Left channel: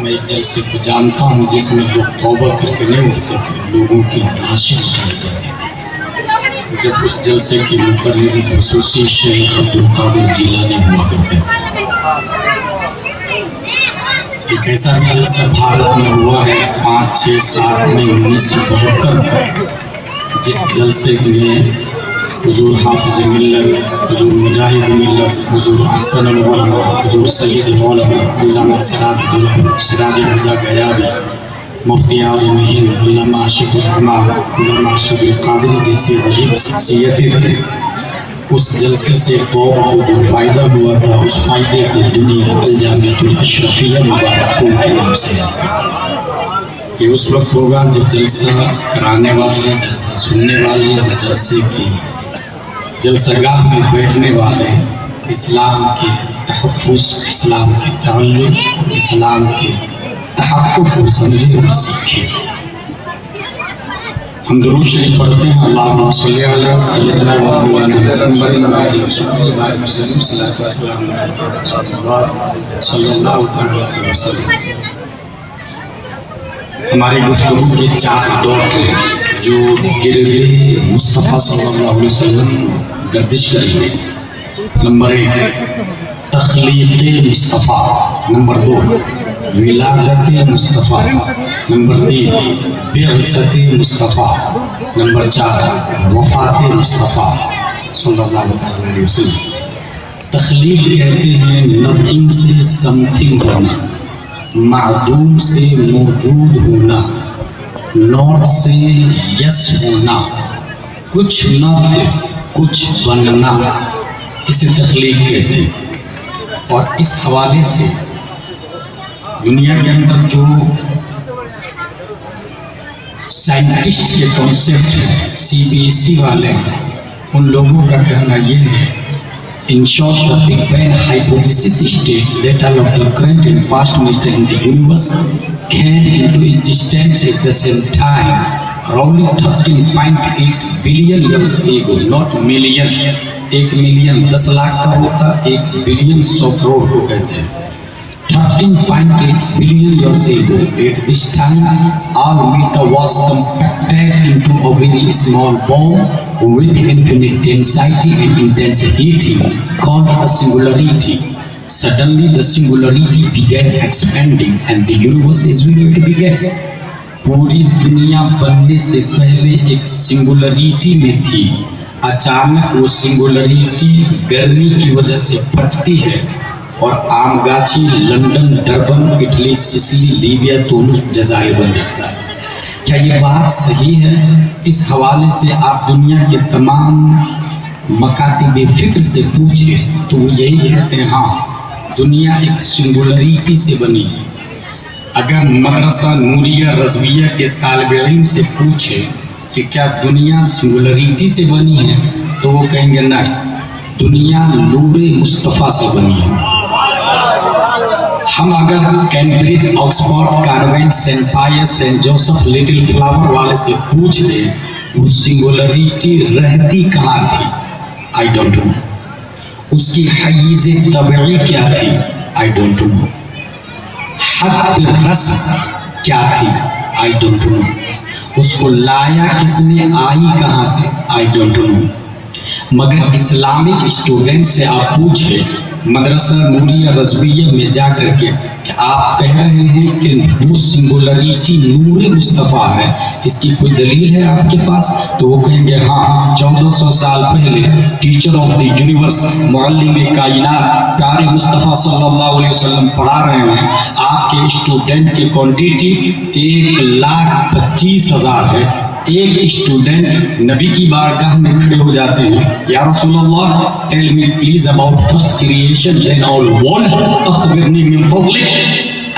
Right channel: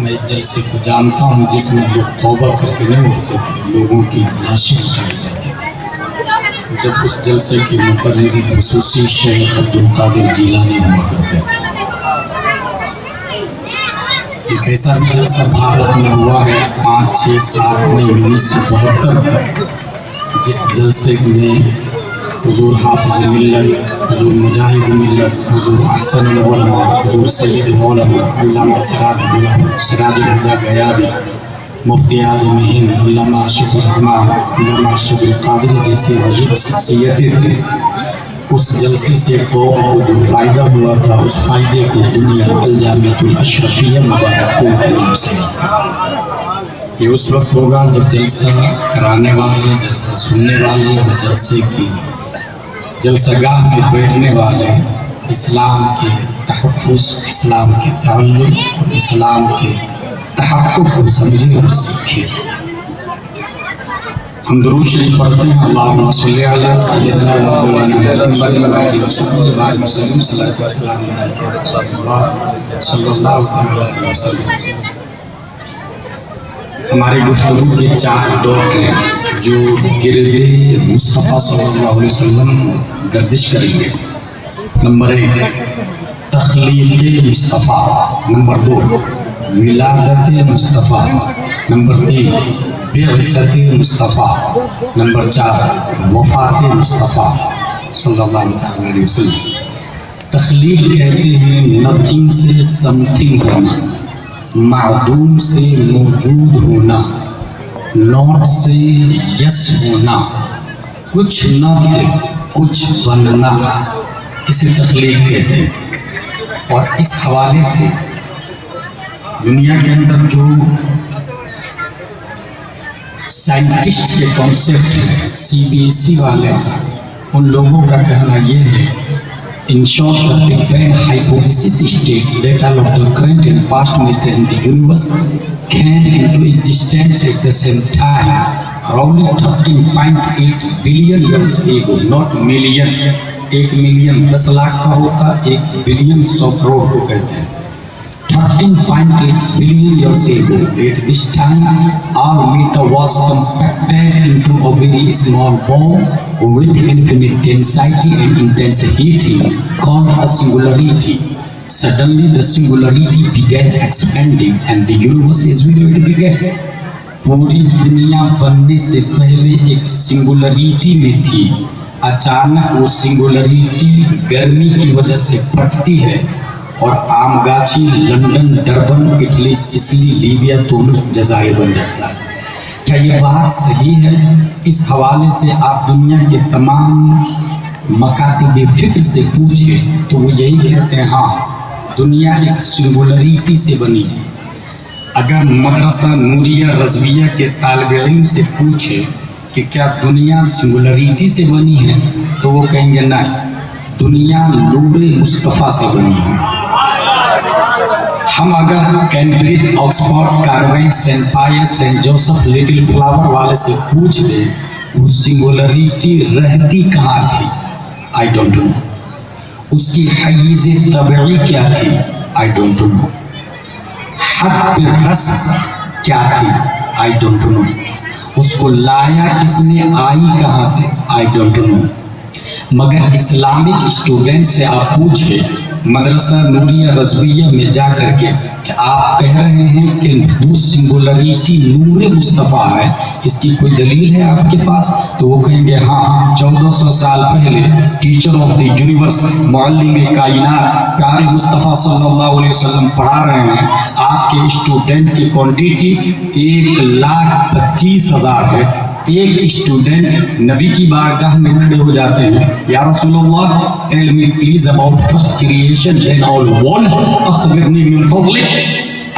میں ایک جلسے کو جانتا ہوں جس میں لوگ توبہ کر کے نہیں اٹھتے تھے، لوگوں کی لاشیں اٹھائی جاتی تھی۔ جب اس جلسے کی مقرری خصوصی شیخ عبدالقادر جیلانی ہوا کرتے تھے۔ ایک ایسا جلسہ بھارت میں ہوا ہے 5، 6، 7 مئی 1972 میں، جس جلسے میں حضور حافظ ملت، حضور مجاہد ملت، حضور احسن العلماء، حضور سید مولانا علامہ سراج الہدیٰ غیابی، مفتی اعظم ہند علامہ اشرف الرحمٰن، علامہ شبیر قادری جیسی عجیب شخصیتیں تھے۔ اس جلسے سے قوم کو جو فائدہ ہوا تھا، اس فائدے کو دنیا الجامعۃ الاشرفیہ مبارک پور کے نام سے یہ اس وقت ہوگا جب جلسہ کرانے والے، جلسہ سننے والے اور جلسے کی جلسہ گاہ میں بیٹھنے والے اسلام کے تحفظ، اسلام کے تعلق اور اسلام کے تحقق کو سمجھے اور سیکھے۔ ہم درود شریف پڑھتے ہیں، اللہم صلی علی سیدنا و مولانا محمد و آلہ وسلم، صلاۃ و سلام علیہ رسول اللہ صلی اللہ علیہ وسلم۔ ہماری گفتگو کے 4 دور تھے جو گرد مصطفیٰ صلی اللہ علیہ وسلم گردش کریں گے۔ نمبر 1 تخلیق مصطفیٰ، نمبر 2 ولادت مصطفیٰ، نمبر 3 بعثت مصطفیٰ، نمبر 4 وفات مصطفیٰ صلی اللہ علیہ وسلم۔ تخلیق کہتے ہیں نتھنگ سے سم تھنگ ہونا، معدوم سے موجود ہونا، نوٹ سے یس ہونا، کچھ نہ تھے کچھ بننا، اسے تخلیق کہتے ہیں۔ اور اس حوالے سے دنیا کے اندر جو سائنٹسٹ کے کانسیپٹ ہیں، CBSE والے، ان لوگوں کا کہنا یہ ہے، in short, the Big Bang hypothesis states that all of the current and past matter in the universe came into existence at the same time, around 13.8 billion years ago, not million. 1 million 10 lakh کا ہوتا، 1 billion 100 crore کو کہتے ہیں۔ 13.8 billion years ago, at this time, all matter was compacted into a very small ball with infinite density and intensity called a singularity. Suddenly, the singularity began expanding, and the universe is where it began. پوری دنیا بننے سے پہلے ایک singularity میں تھی، اچانک وہ سنگولریٹی گرمی کی وجہ سے پھٹتی ہے اور عام گاچھی London, Durban, Italy, Sicily, Libya, Tunis, جزائر بن جاتا ہے۔ کیا یہ بات صحیح ہے؟ اس حوالے سے آپ دنیا کے تمام مکاتب فکر سے پوچھیں تو وہ یہی کہتے ہیں، ہاں دنیا ایک سنگولریٹی سے بنی۔ اگر مدرسہ نوریہ رضویہ کے طالب علم سے پوچھے کہ کیا دنیا سنگولریٹی سے بنی ہے تو وہ کہیں گے نہیں، دنیا نور مصطفیٰ سے بنی ہے۔ ہم اگر کیمبرج، آکسفورڈ، کارونٹ، سینٹ پائس، سینٹ جوسف، لٹل فلاور والے سے پوچھ لیں وہ سنگولریٹی رہتی کہاں تھی، آئی ڈونٹ نو۔ اس کی حیز طبعی کیا تھی، آئی ڈونٹ نو۔ حد رسم کیا تھی، آئی ڈونٹ نو۔ اس کو لایا کس نے، آئی کہاں سے، آئی ڈونٹ نو۔ مگر اسلامک اسٹوڈنٹ سے آپ پوچھے مدرسہ نوریہ رضویہ میں جا کر کے کہ آپ کہہ رہے ہیں کہ وہ سنگولریٹی نور مصطفیٰ ہے، اس کی کوئی دلیل ہے آپ کے پاس؟ تو وہ کہیں گے ہاں، 1400 سال پہلے ٹیچر آف دی یونیورس، معلم کائنات پیارے مصطفیٰ صلی اللہ علیہ وسلم پڑھا رہے ہیں، آپ کے اسٹوڈنٹ کی کوانٹیٹی 1,25,000 ہے۔ ایک اسٹوڈنٹ نبی کی بارگاہ میں کھڑے ہو جاتے ہیں، یا رسول اللہ tell me please about first creation then all world اخبرنی من فضلک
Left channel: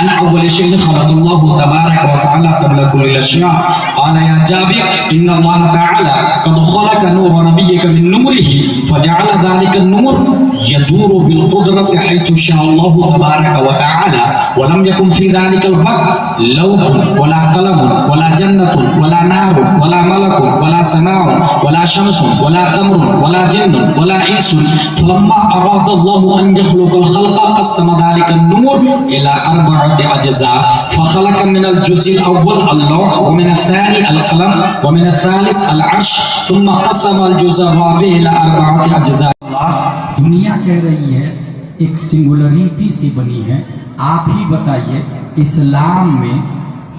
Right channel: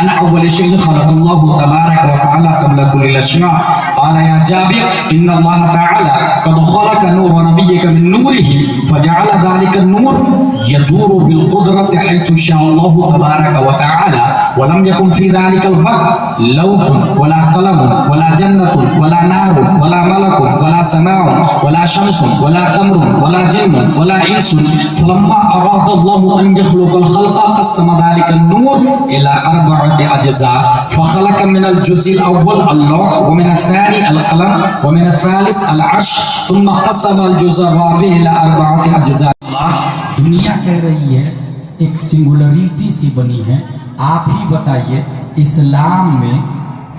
أن أول شيء خلق الله تبارك وتعالى قبل كل الأشياء. قال يا جابر إن الله تعالى قد خلق نور نبيك من نوره فجعل ذلك النور يدور بالقدرة حيث شاء الله تبارك وتعالى ولم يكن في ذلك الوقت لوح ولا قلم ولا جنة ولا نار ولا ملك ولا سماء ولا شمس ولا قمر ولا جن ولا إنس. فلما أراد الله أن يخلق الخلق قسم ذلك النور إلى 4 أربعة أجزاء فخلق من الجزء الأول اللوح ومن الثاني القلم ومن الثالث العرش ثم قسم الجزء الرابع إلى أربعة أجزاء. دنیا کہہ رہی ہے ایک سنگولریٹی سی بنی ہے. آپ ہی بتائیے اسلام میں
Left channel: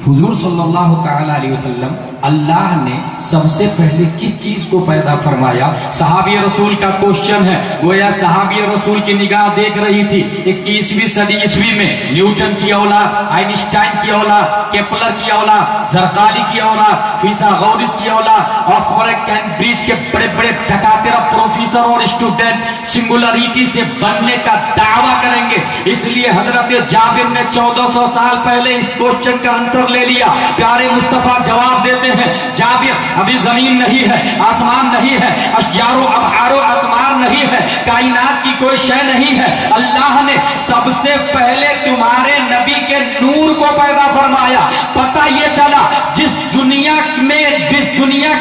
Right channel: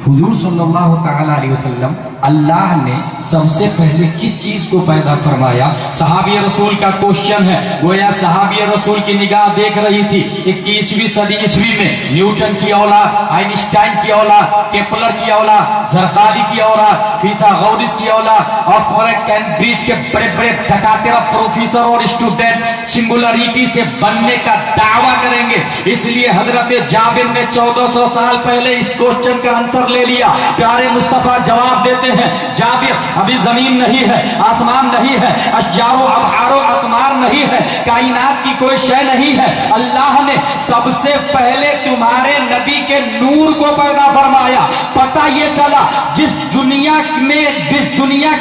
حضور صلی اللہ تعالی علیہ وسلم اللہ نے سب سے پہلے کس چیز کو پیدا فرمایا؟ صحابی رسول کا کوشچن ہے. گویا صحابی رسول کی نگاہ دیکھ رہی تھی 21ویں صدی عیسوی میں نیوٹن کی اولاد، آئنسٹائن کی اولاد، کیپلر کی اولاد، زرقالی کی اولاد، فیثاغورس کی اولاد، آکسفورڈ کیمبرج کے بڑے بڑے ٹھکاترا پروفیسر اور اسٹوڈنٹ سنگولریٹی سے بننے کا دعویٰ کریں گے. اس لیے حضرت جابر نے 1400 سال پہلے اس کوشچن کا آنسر لے لیا. پیارے مصطفیٰ جواب دیتے ہیں جابر ابھی زمین نہیں ہے، آسمان نہیں ہے، اشجار و ابحار و اقمار نہیں ہے، کائنات کی کوئی شے نہیں ہے. اللہ نے سب سے پہلے تمہارے نبی کے نور کو پیدا فرمایا. پتہ یہ چلا جس دنیا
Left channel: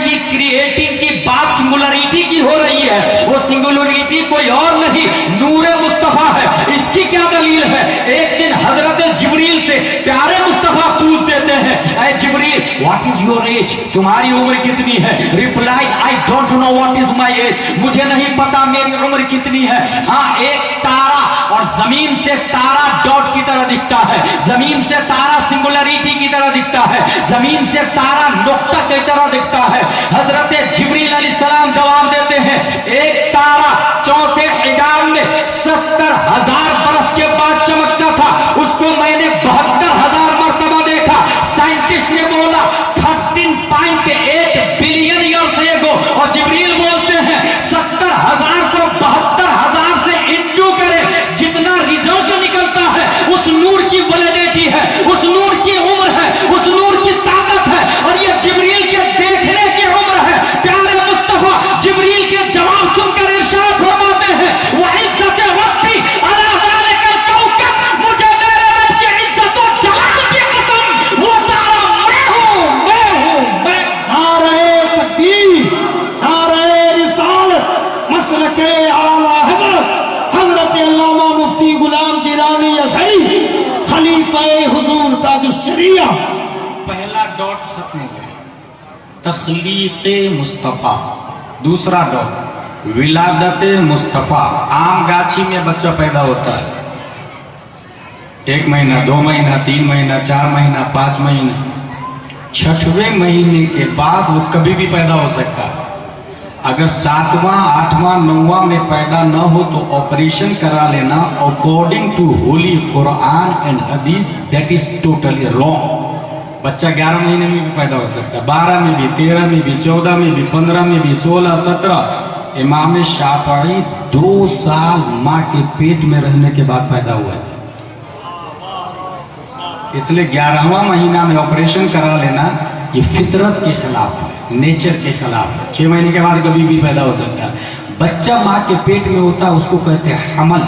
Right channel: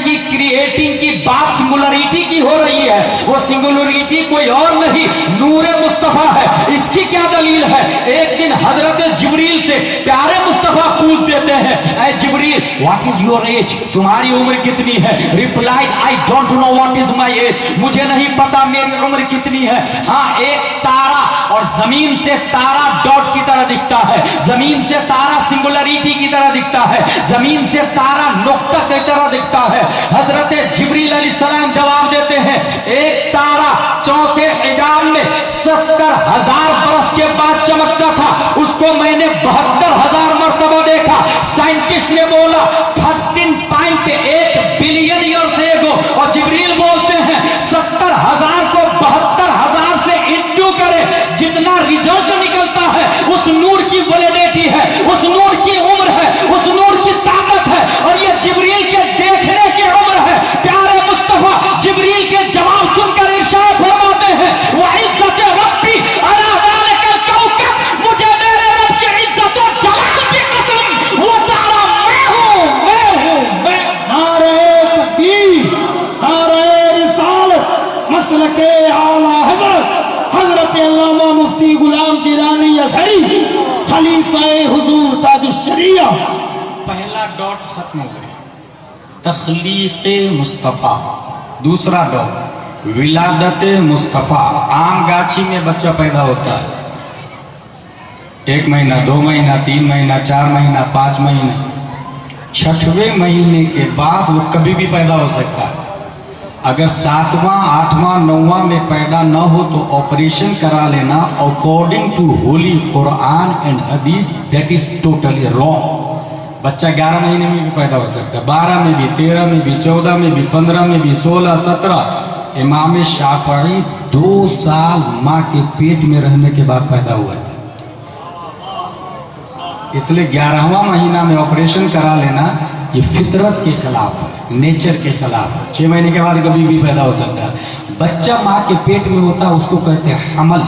کی کریٹنگ کی بات سنگولریٹی کی ہو رہی ہے وہ سنگولریٹی کوئی اور نہیں نور مصطفیٰ ہے. اس کی کیا دلیل ہے؟ ایک دن حضرت جبریل سے پیارے مصطفیٰ پوچھ دیتے ہیں اے Jibreel what is your age? تمہاری عمر کتنی ہے؟ Replied I don't know what is my age. مجھے نہیں پتا میری عمر کتنی ہے. ہاں ایک تارا اور زمین سے تارا ڈاٹ کی طرح دکھتا ہے، زمین سے تارا سنگولریٹی کی طرح دکھتا ہے، زمین سے تارا نقطہ کی طرح دکھتا ہے. حضرت جبریل علیہ السلام جواب دیتے ہیں ایک تارا چوتھے حجاب میں 70,000 برس کے بعد چمکتا تھا، اس کو میں نے 72,000 مرتبہ دیکھا. سائنٹسٹ نے بولا 13.8 بلین ایئرس ایگو، اور جبریل بولتے ہیں 70,000 کو 72,000 سے انٹو کرے، جتنا ریزلٹ نکلتا ہے اس نور کی ویلیڈیٹی ہے، اس نور کی عمر ہے، اس نور کی طاقت ہے، اور یہ جبریل کے دیکھنے کی عمر ہے. پیارے مصطفیٰ جبریل کے جواب سن کر ارشاد فرماتے ہیں وعزت ربی علی ذلک الکوکب، مجھے میرے رب کی عزت و جلال کی قسم وہ تارا میں ہوں. نعرہ تکبیر، نعرہ رسالت، مسلک اعلیٰ حضرت علامہ مفتی غلام جیلانی ازہری خلیفہ حضور تاج الشریعہ. پہلا ڈاٹ ختم ہو گیا تخلیق مصطفیٰ. دوسرا ڈاٹ ولادت مصطفیٰ. عام گاچھی میں بچہ پیدا ہوتا ہے 1 مہینہ 2 مہینہ 3 مہینہ 4 مہینہ 5 مہینہ، 6ویں مہینے کے بعد وہ کبھی بھی پیدا ہو سکتا ہے. اگر 7واں 8واں 9واں میں پیدا نہ ہو تو آپریشن کرا لینا. According to holy Quran and Hadith that is totally wrong. بچہ 11 مہینے میں بھی پیدا ہو سکتا ہے، 12 میں بھی، 13 میں بھی، 14 میں بھی، 15 میں بھی، 16 17. امام شافعی 2 سال ماں کے پیٹ میں رہنے کے بعد پیدا ہوئے تھے. اس لیے 11واں مہینہ میں آپریشن کرا لینا یہ فطرت کے خلاف ہے، نیچر کے خلاف ہے. 6 مہینے کے بعد کبھی بھی پیدا ہو سکتا ہے. بچہ ماں کے پیٹ میں ہوتا ہے اس کو کہتے ہیں حمل.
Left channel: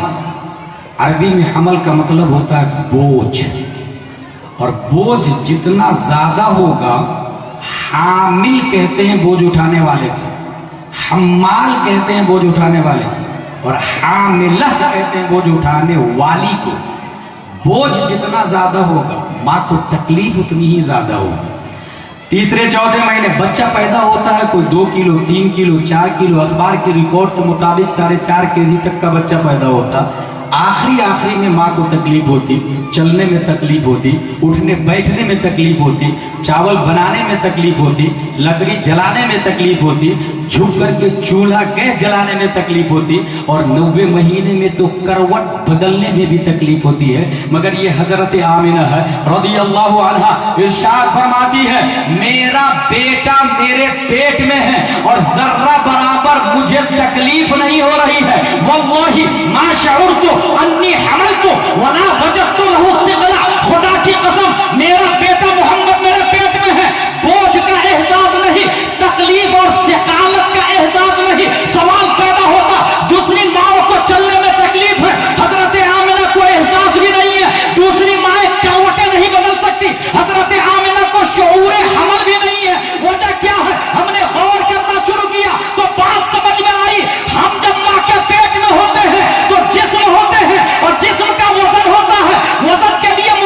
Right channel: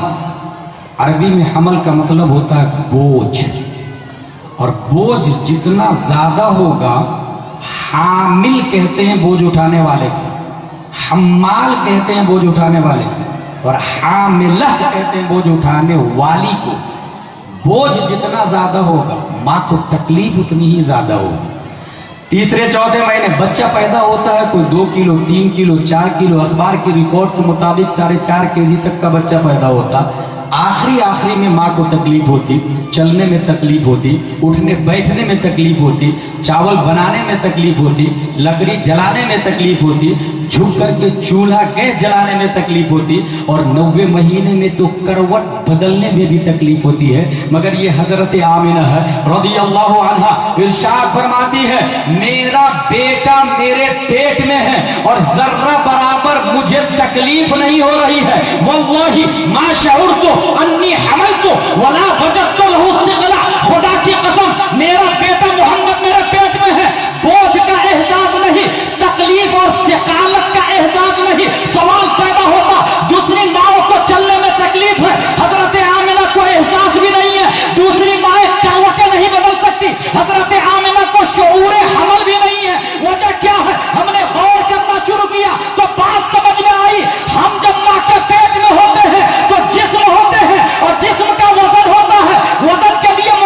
عربی میں حمل کا مطلب ہوتا ہے بوجھ، اور بوجھ جتنا زیادہ ہوگا حامل کہتے ہیں بوجھ اٹھانے والے کو، حمال کہتے ہیں بوجھ اٹھانے والے کو، اور حاملہ کہتے ہیں بوجھ اٹھانے والی کو. بوجھ جتنا زیادہ ہوگا ماں کو تکلیف اتنی ہی زیادہ ہوگی. تیسرے چوتھے مہینے بچہ پیدا ہوتا ہے، کوئی 2 کلو 3 کلو 4 کلو، اخبار کی رپورٹ کے مطابق 4.5 kg تک کا بچہ پیدا ہوتا. آخری میں ماں کو تکلیف ہوتی، چلنے میں تکلیف ہوتی، اٹھنے بیٹھنے میں تکلیف ہوتی، چاول بنانے میں تکلیف ہوتی، لکڑی جلانے میں تکلیف ہوتی، جھک کر کے چولہا گیس جلانے میں تکلیف ہوتی، اور 90 مہینے میں تو کروٹ بدلنے میں بھی تکلیف ہوتی ہے. مگر یہ حضرت آمنہ ہے رضی اللہ عنہا ارشاد فرماتی ہے میرا بیٹا میرے پیٹ میں ہے اور ذرہ برابر مجھے تکلیف نہیں ہو رہی ہے. واللہ ما شعرت انی حملت ولا وجدت له ثقلا. خدا کی قسم میرا بیٹا محمد میرے پیٹ میں ہے، بوجھ کا احساس نہیں، تکلیف اور ثقالت کا احساس نہیں. سوال پیدا ہوتا دوسری ماؤں کو چلنے میں تکلیف ہے، حضرت آمنہ کو احساس بھی نہیں ہے. دوسری مائیں کروٹیں نہیں بدل سکتی، حضرت آمنہ کو شعور حمل بھی نہیں ہے. وجہ کیا ہے؟ ہم نے غور کرنا شروع کیا تو بات سمجھ میں آئی. ہم جب ماں کے پیٹ میں ہوتے ہیں تو جسم ہوتے ہیں، اور جسم کا وزن ہوتا ہے. وزن کے لیے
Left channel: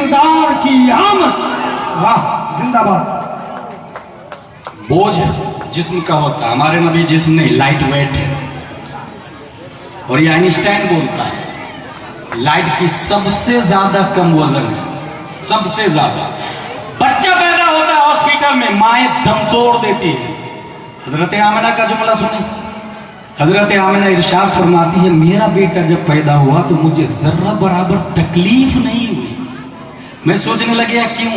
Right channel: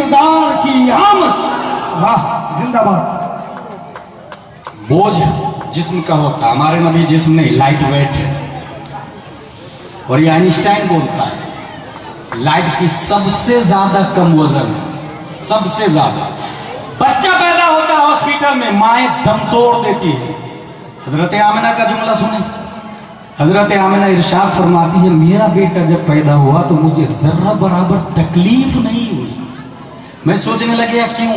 کردار کی آمد. واہ زندہ باد. بوجھ جسم کا ہوتا ہے، ہمارے نبی جسم نہیں، لائٹ ویٹ ہے. اور یہ آئنسٹائن بولتا ہے لائٹ کی سب سے زیادہ کم وزن ہے، سب سے زیادہ. بچہ پیدا ہوتا ہے ہاسپٹل میں، مائیں دم توڑ دیتی ہے. حضرت آمنہ کا جملہ سنیں. حضرت آمنہ ارشاد فرماتی ہے میرا بیٹا جب پیدا ہوا تو مجھے ذرہ برابر تکلیف نہیں ہوئی. میں سوچنے لگا کیوں؟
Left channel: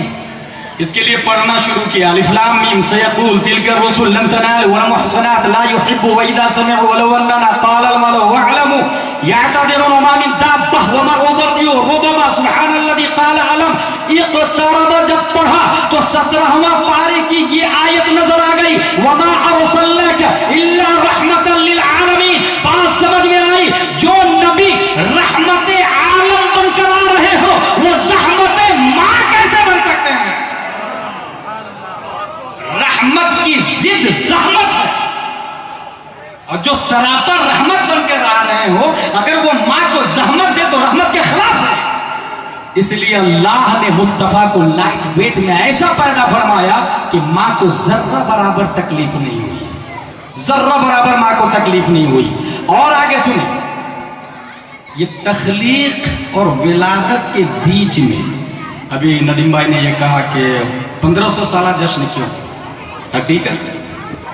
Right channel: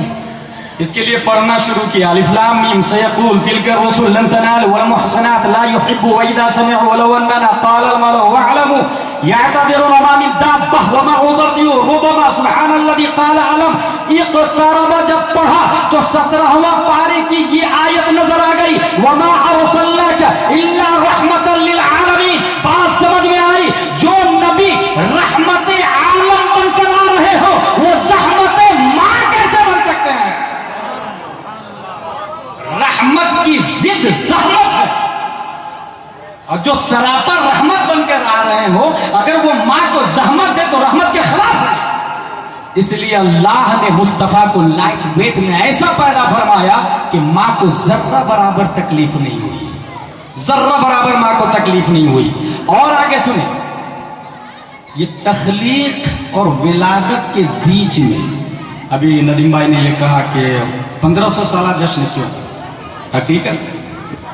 اس کے لیے پڑھنا شروع کیا. الف لام میم سیقول تلک الرسل لن تنالوا والمحصنات لا يحبوا واذا سمعوا ولو اننا قال الملأ واعلموا يعتذرون وما من دابة وما أمروا ربما سبحان الذي قال علم اقترب. جب پڑھا تو 17واں پارے کی یہ آیت نظر آ گئی وما ارسلناک الا رحمتا للعالمین. بات سمجھ میں آئی؟ جو نبی رحمت عالم بن کر آ رہے ہو وہ زحمت ماں کیسے بن سکتے ہیں؟ رحمت کی ضد زحمت ہے، اور جو سراپا رحمت بن کر آ رہے ہو اگر وہ ماں کو زحمت دے تو رحمت کے خلاف ہے. اس لیے اللہ نے مصطفیٰ کو لائٹ ویٹ میں ایسا پیدا فرمایا کہ ماں کو ذرہ برابر تکلیف نہیں ہوئی، ذرہ برابر ماں کو تکلیف نہیں ہوئی. اور آگے سنیں، یہ تخلیق اور ولادت کے بیچ میں ابھی ندیم بھائی نے یہ کہا کہ 1500 سالہ جشن کیوں؟ حقیقت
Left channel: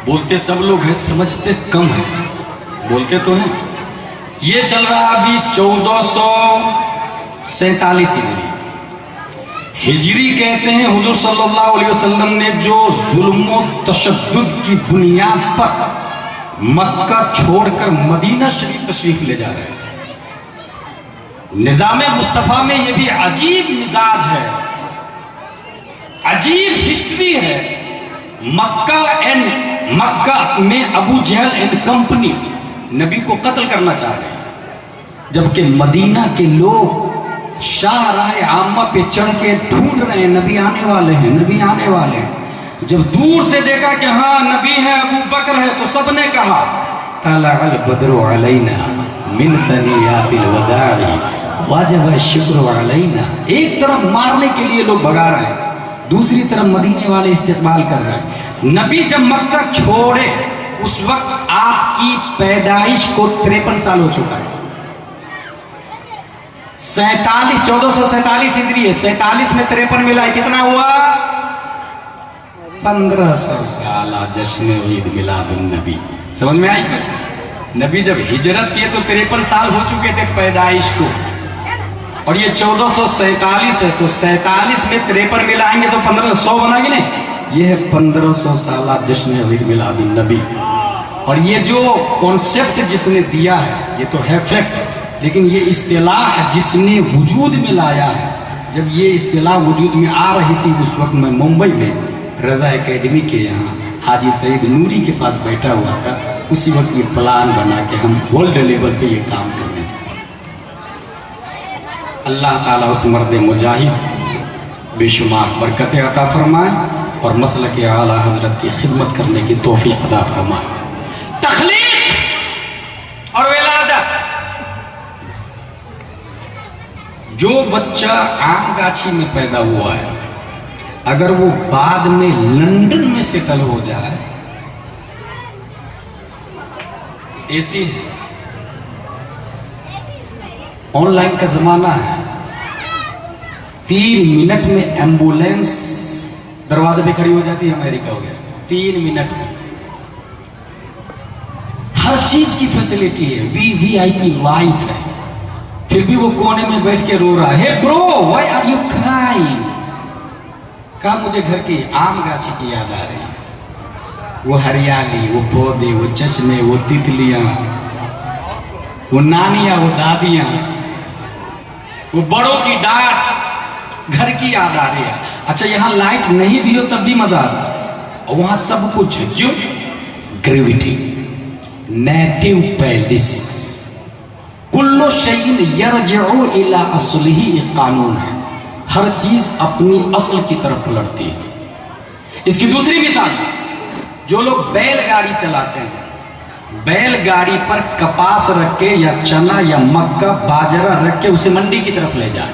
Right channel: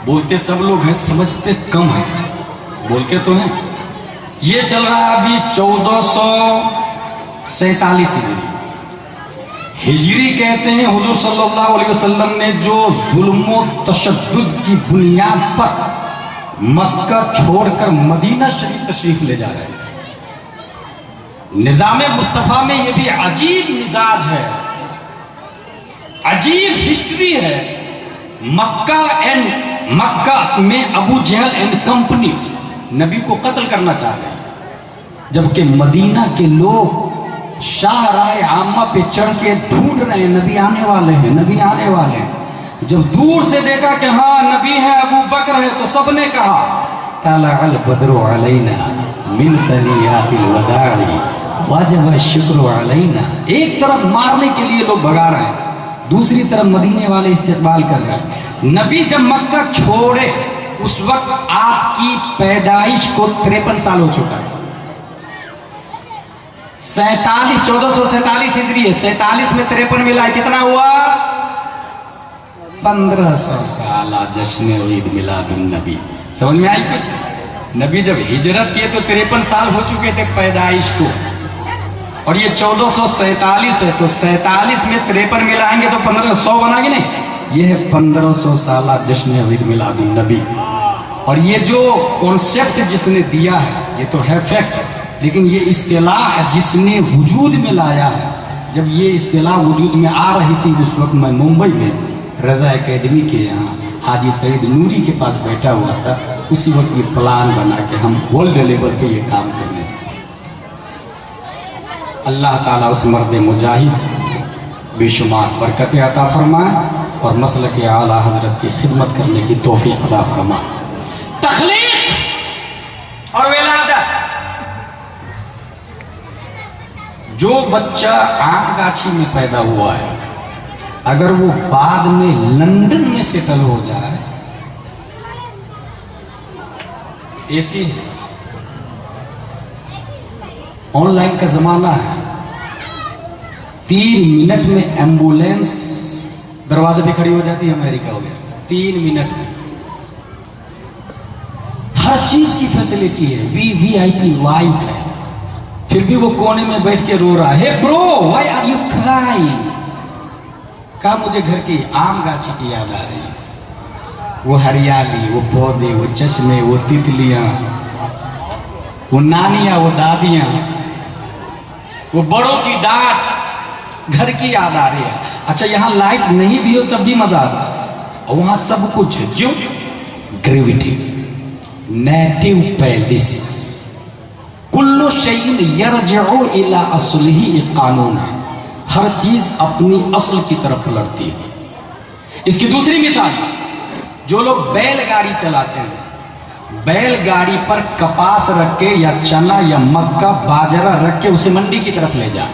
بولتے سب لوگ ہیں، سمجھتے کم ہیں. بولتے تو ہیں. یہ چل رہا ابھی 1447 ہجری کہتے ہیں. حضور صلی اللہ علیہ وسلم نے جو ظلم و تشدد کی بنیاد پر مکہ چھوڑ کر مدینہ شریف تشریف لے جا رہے ہیں. نظام مصطفیٰ میں یہ بھی عجیب مزاج ہے، عجیب ہسٹری ہے. مکہ میں ابو جہل اینڈ کمپنی نبی کو قتل کرنا چاہ رہے ہیں، جبکہ مدینہ کے لوگ شاہراہ عامہ پہ چڑھ کے ڈھونڈ رہے ہیں نبی آنے والے ہیں، نبی آنے والے ہیں. جب دور سے دیکھا کہ ہاں نبی ہے، ابو بکر ہے، تو سب نے کہا طلع البدر علینا من ثنیات الوداع واجب الشکر علینا. ایک طرف مارنے کے لیے لوگ بھگا رہے ہیں، دوسری طرف مدینے والے استقبال کر رہے ہیں. نبی جب مکہ چھوڑے اس وقت آپ کی پیدائش کو 53 سال ہو چکا ہے. 1447 ہجری ہے، 47 میں 53 ملا ہے، کتنا ہوا؟ 1500 سالہ جشن عید میلاد النبی. سمجھ میں آئی کچھ؟ نبی جب ہجرت کیے تو 53 سال ہو چکے تھے پیدائش کو، اور یہ 1447 ہے، تو 47 میں 53 ملائیں گے تو 1500 بنا گے نہیں. یہ ہے 1500 سالہ جشن عید میلاد النبی. اور یہ جو کانسیپٹ جس نے دیا ہے یہ تو ہے فیکٹ، لیکن یہ اصطلاح جس نے وجود میں لایا ہے. جب یہ اصطلاح وجود میں آ رہی تھی اس وقت میں ممبئی میں رضا اکیڈمی کے یہاں حاجی سعید نوری کے پاس بیٹھا ہوا تھا. اسی وقت یہ پلان بنا کہ ہم ورلڈ لیول پہ یہ کام کرنے تھے. اللہ تعالیٰ اس مرد مجاہد بے شمار برکت عطا فرمائے اور مسلک اعلیٰ حضرت کی خدمت کرنے کی توفیق عطا فرمائے. تخلیق اور ولادت، جو بچہ آم گاچھی میں پیدا ہوا ہے اگر وہ بعد میں لندن میں سیٹل ہو جائے، ایسی آن لائن کا زمانہ ہے، 3 منٹ میں ایمبولینس دروازے پہ کھڑی ہو جاتی ہے. امریکہ ہو گیا 3 منٹ میں، ہر چیز کی فیسلٹی ہے، وی آئی پی لائف ہے. پھر بھی وہ کونے میں بیٹھ کے رو رہا ہے. برو وائی آر یو کرائنگ؟ کہا مجھے گھر کی آم گاچھی کی یاد آ رہی ہے، وہ ہریالی، وہ پودے، وہ چشمے، وہ تتلیاں، وہ نانیاں، وہ دادیاں، وہ بڑوں کی ڈانٹ، گھر کی یاد آ رہی ہے. اچھا یہاں لائٹ نہیں بھی ہو تب بھی مزہ آتا ہے، اور وہاں سب کچھ ہے. کیوں؟ گریویٹی، نیٹو پیلس، کلو شیء یرجع الی اصلہ، یہ قانون ہے. ہر چیز اپنی اصل کی طرف پلٹتی ہے. اس کی دوسری مثال، جو لوگ بیل گاڑی چلاتے ہیں، بیل گاڑی پر کپاس رکھ کے یا چنا یا مکہ باجرہ رکھ کے اسے منڈی کی طرف لے جائیں.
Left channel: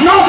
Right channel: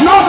9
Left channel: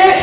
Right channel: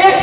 1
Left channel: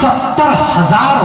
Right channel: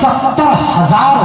70,000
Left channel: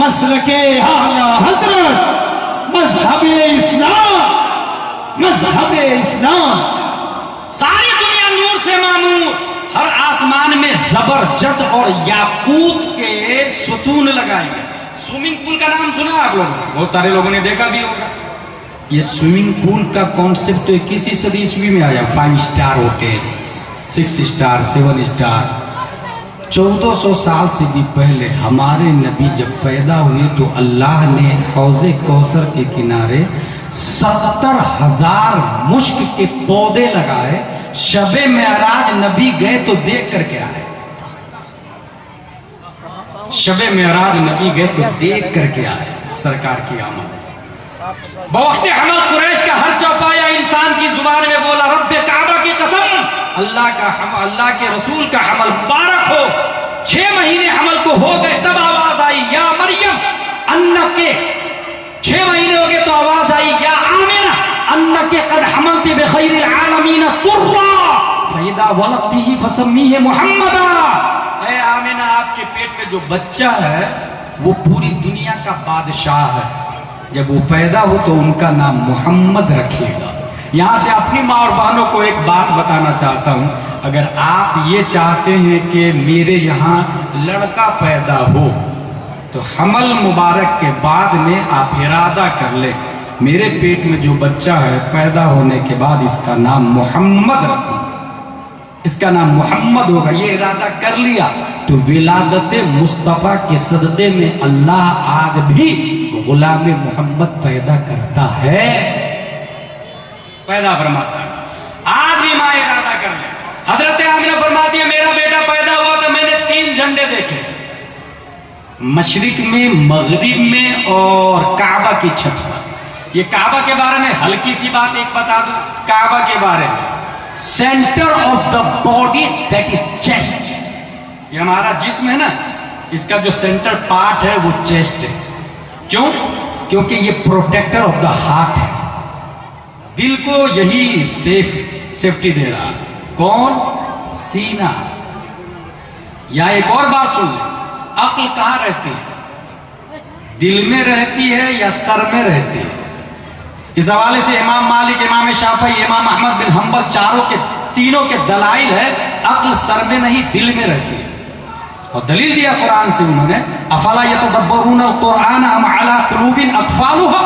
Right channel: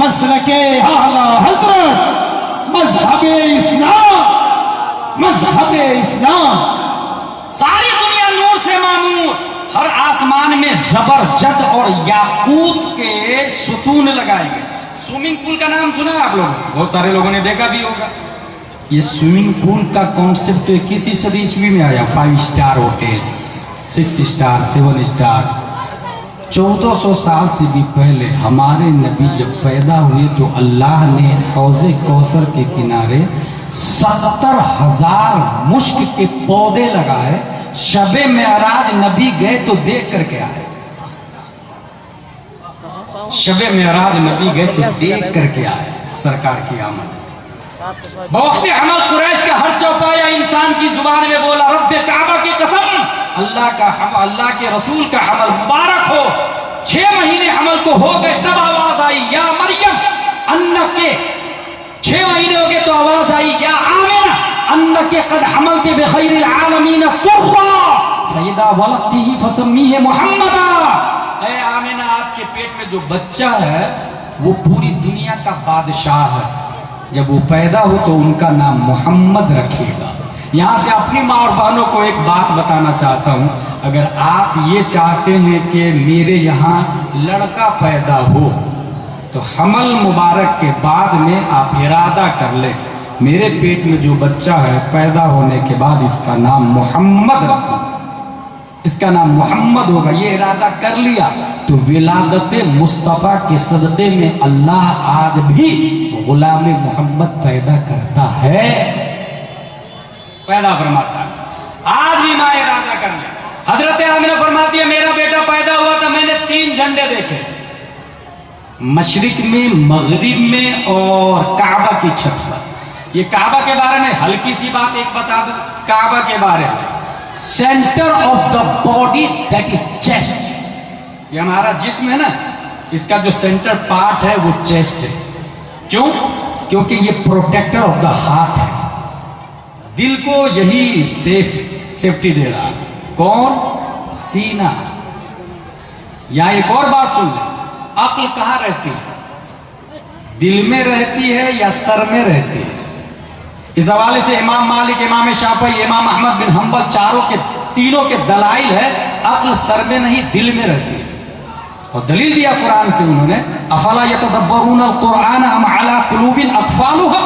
مسلک اعلی حضرت مذہب اسلام، مذہب اسلام، ساری دنیا نور سے معمور، ہر آسمان میں زبرجد اور یاقوت کے ستون لگائے گئے۔ سوئمنگ پول کا نام سنا آپ لوگوں نے، بہت سارے لوگوں نے دیکھا بھی ہوگا۔ یہ سوئمنگ پول کا کانسیپٹ 21 صدی عیسوی میں آیا۔ 5 اسٹار ہوٹل، 6 اسٹار، 7 اسٹار۔ 1400 سال سے بھی پہلے ہمارے نبی جب پیدا ہوئے تو اللہ نے حوض کوثر کے کنارے 70,000 مشک کے پودے لگائے۔ شب معراج نبی گئے تو دیکھ کر کے آئے۔ شب معراج نبی گئے تو دیکھ کر کے آئے سرکار کی آمد۔ بوقت حمل قریش کا ہر چوپایا انسان کی زبان میں بولا رب کعبہ کی قسم، اللہ کے رسول کا حمل مبارک ہو۔ 6 مہینے حمل کو ہو گئے تب آواز آئی یا مریم انکے، 6 مہینے ہو گئے تو آواز آئی یا آمنہ انکے قد حملت بخیر العالمین قرہ فاذا ولدتہ فسمیہ محمدا۔ اے آمنہ، آپ کے پیٹ میں جو بچہ ہے وہ پوری دنیا کا بادشاہ ہے، جب وہ پیدا ہو تو ان کا نام محمد رکھیے گا۔ یہاں سے اپنی ماں اور بہنوں کو ایک بات بتانا چاہتا ہوں، اگر آپ یہ چاہتے ہیں کہ میرے یہاں لڑکا پیدا ہو تو حمل مبارک کے بعد میں آپ ارادہ کر لیں میرے پیٹ میں جو بچہ ہے پیدا ہونے کے بعد اس کا نام محمد رکھوں، اس کا نام محمد ہوگا۔ یہ ارادہ کر لیا تو ولادت مصطفیٰ کے صدقے میں اللہ آج بھی غلام محمد پیدا کرتا ہے، پیدا فرماتا ہے۔ آج بھی ماں ارادہ کر لے۔ حضرت آمنہ فرماتی ہے میرا بیٹا پیدا ہوا تو میں نے 3 جھنڈے دیکھے، مشرق میں، مغرب میں اور کعبہ کی چھت پر۔ یہ کعبہ کے بارے میں ہلکی سی بات ایک بتا دوں، کعبہ کے بارے میں centre of the body that is chest, یہ ہمارا جسم ہے نا، اس کا جو سینٹر پارٹ ہے وہ چیسٹ ہے۔ کیوں؟ کیونکہ یہ پروٹیکٹر آف دا ہارٹ ہے، دل کو یہی سیفٹی دے رہا۔ کون؟ سینہ۔ یا ایک اور بات سن، عقل کہاں رہتی ہے؟ دل میں رہتی ہے یا سر میں رہتی ہے؟ اس حوالے سے امام مالک، امام شافعی، امام احمد بن حنبل تینوں کے دلائل ہے عقل سر میں نہیں دل میں رہتی ہے۔ اور دلیل دیا قرآن سے انہوں نے افلا یتدبرون القرآن ام علی قلوب اقفالها،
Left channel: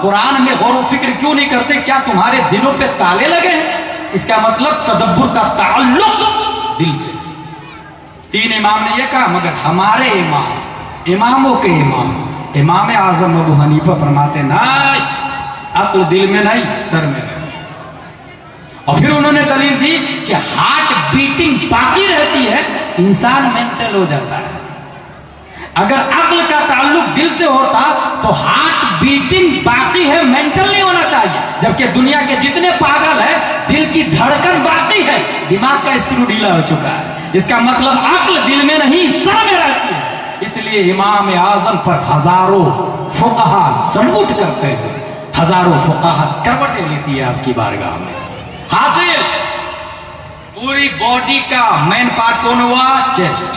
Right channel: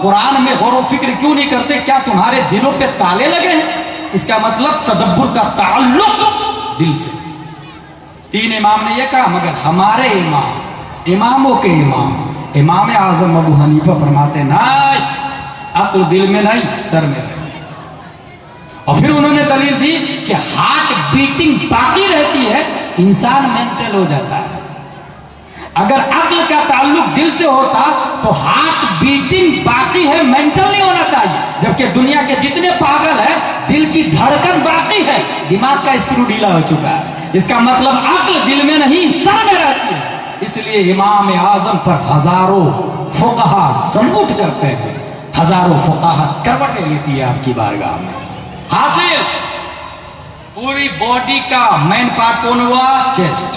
قرآن میں غور و فکر کیوں نہیں کرتے؟ کیا تمہارے دلوں پہ تالے لگے ہیں؟ اس کا مطلب تدبر کا تعلق دل سے۔ 3 امام نے یہ کہا، مگر ہمارے امام، اماموں کے امام، امام اعظم ابو حنیفہ فرماتے نہیں، عقل دل میں نہیں سر میں رہتی۔ اور پھر انہوں نے دلیل دی کہ ہارٹ بیٹنگ باقی رہتی ہے، انسان مینٹل ہو جاتا ہے۔ اگر عقل کا تعلق دل سے ہوتا تو ہارٹ بیٹنگ باقی ہے، مینٹل نہیں ہونا چاہیے۔ جبکہ دنیا کے جتنے پاگل ہیں دل کی دھڑکن باقی ہے، دماغ کا اسکرو ڈھیلا ہو چکا ہے۔ اس کا مطلب عقل دل میں نہیں سر میں رہتی ہے۔ اس لیے امام اعظم پر ہزاروں فقہا سلوٹ کرتے ہیں، ہزاروں فقہا کروٹیں لیتی ہے آپ کی بارگاہ میں۔ حاصل پوری باڈی کا مین پارٹ کون ہوا؟ چیسٹ۔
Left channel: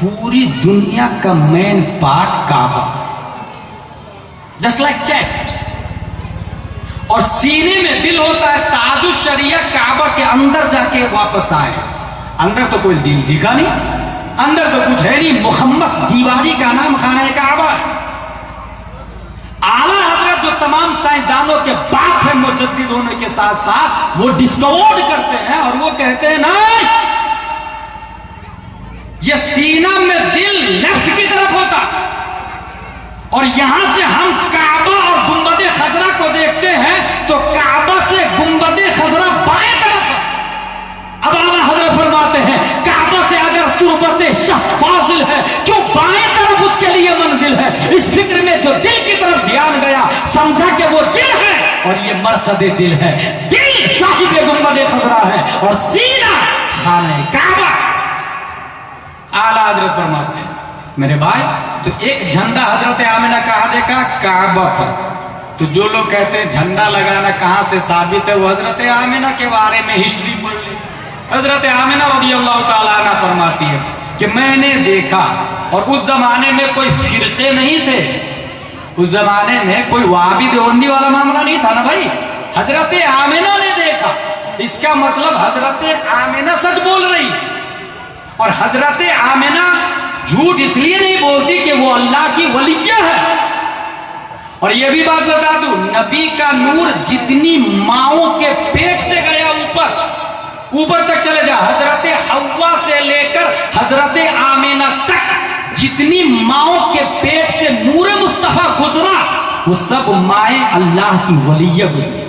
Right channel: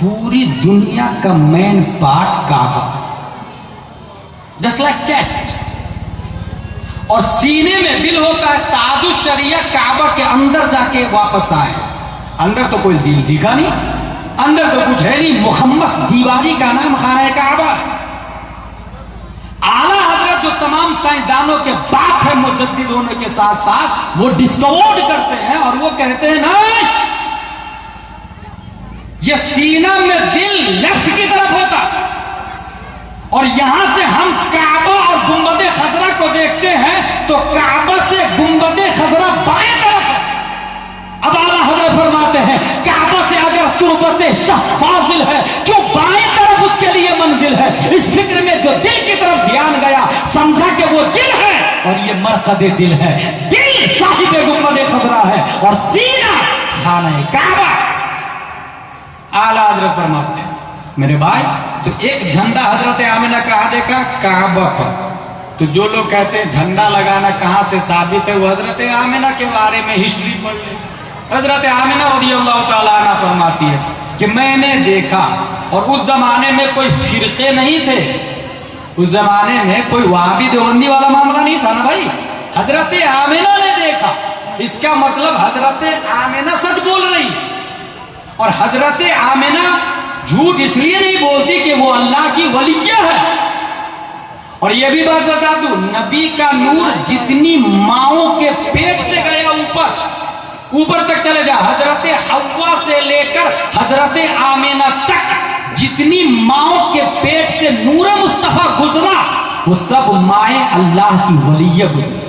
پوری دنیا کا مین پارٹ کعبہ، جسٹ لائک چیسٹ۔ اور سینے میں دل ہوتا ہے، تاج الشریعہ کعبہ کے اندر جا کے واپس آئے۔ اندر تو کوئی دل دکھا نہیں، اندر تو کچھ ہے نہیں، مخمس دیواری کا نام خانہ کعبہ ہے۔ اعلیٰ حضرت جو تمام سائنسدانوں کے باپ ہے مجدد ہونے کے ساتھ ساتھ، وہ ڈسکور کرتے ہیں اور وہ کہتے ہیں نہیں، یہ سینہ میں دل لیفٹ کی طرف ہوتا اور یہاں سے ہم کعبہ اور گنبد خضرا کو دیکھتے ہیں تو کعبہ سے گنبد خضرا بائیں طرف ہے۔ اب اعلیٰ حضرت فرماتے ہیں کعبہ سے اگر تربت شہ فاضل ہے کیوں بائیں طرف اس کے لیے منزل ہے۔ اس فکر میں جو دل کی طرف دھیان گیا سمجھا کہ وہ دل ہے اور یہ مرقد دل ہے، دل صاحب گنبد خضرا ہے اور سینہ خانہ کعبہ۔ اعلیٰ حضرت فرماتے ہیں میرے بھائی، تو ایک جھنڈا حضرت آمنہ کہاں دیکھا؟ کعبہ پر۔ تو جو لوگ کہتے ہیں جھنڈا لگانا کہاں سے ثابت ہے، وہ حضرت آمنہ کے بارے میں ہسٹری پڑھ لیں۔ حضرت آمنہ رضی اللہ تعالیٰ عنہ فرماتی ہے کہ میں نے دیکھا اور اس زمانے میں کوئی فرقے نہیں تھے، اس زمانے میں کوئی وہابی دیوبندی والا معاملہ نہیں تھا نا بھائی. حضرت آمنہ نے دیکھا، اس کا مطلب حضرت آمنہ سچ بول رہی، اور حضرت آمنہ جھوٹ اس لیے نہیں بولتی کہ وہ اللہ کی ولیہ ہے. اور یہ بھی بات بتا دوں، نبی کا نور جتنی ماؤں کے پیٹ سے گیا اوپر تک چلے جا، حضرت حوا سے لے کر حضرت آمنہ تک جتنی ماؤں کے پیٹ سے نور مصطفیٰ گزرا، وہ سب مائیں اللہ کی ولیہ گزری،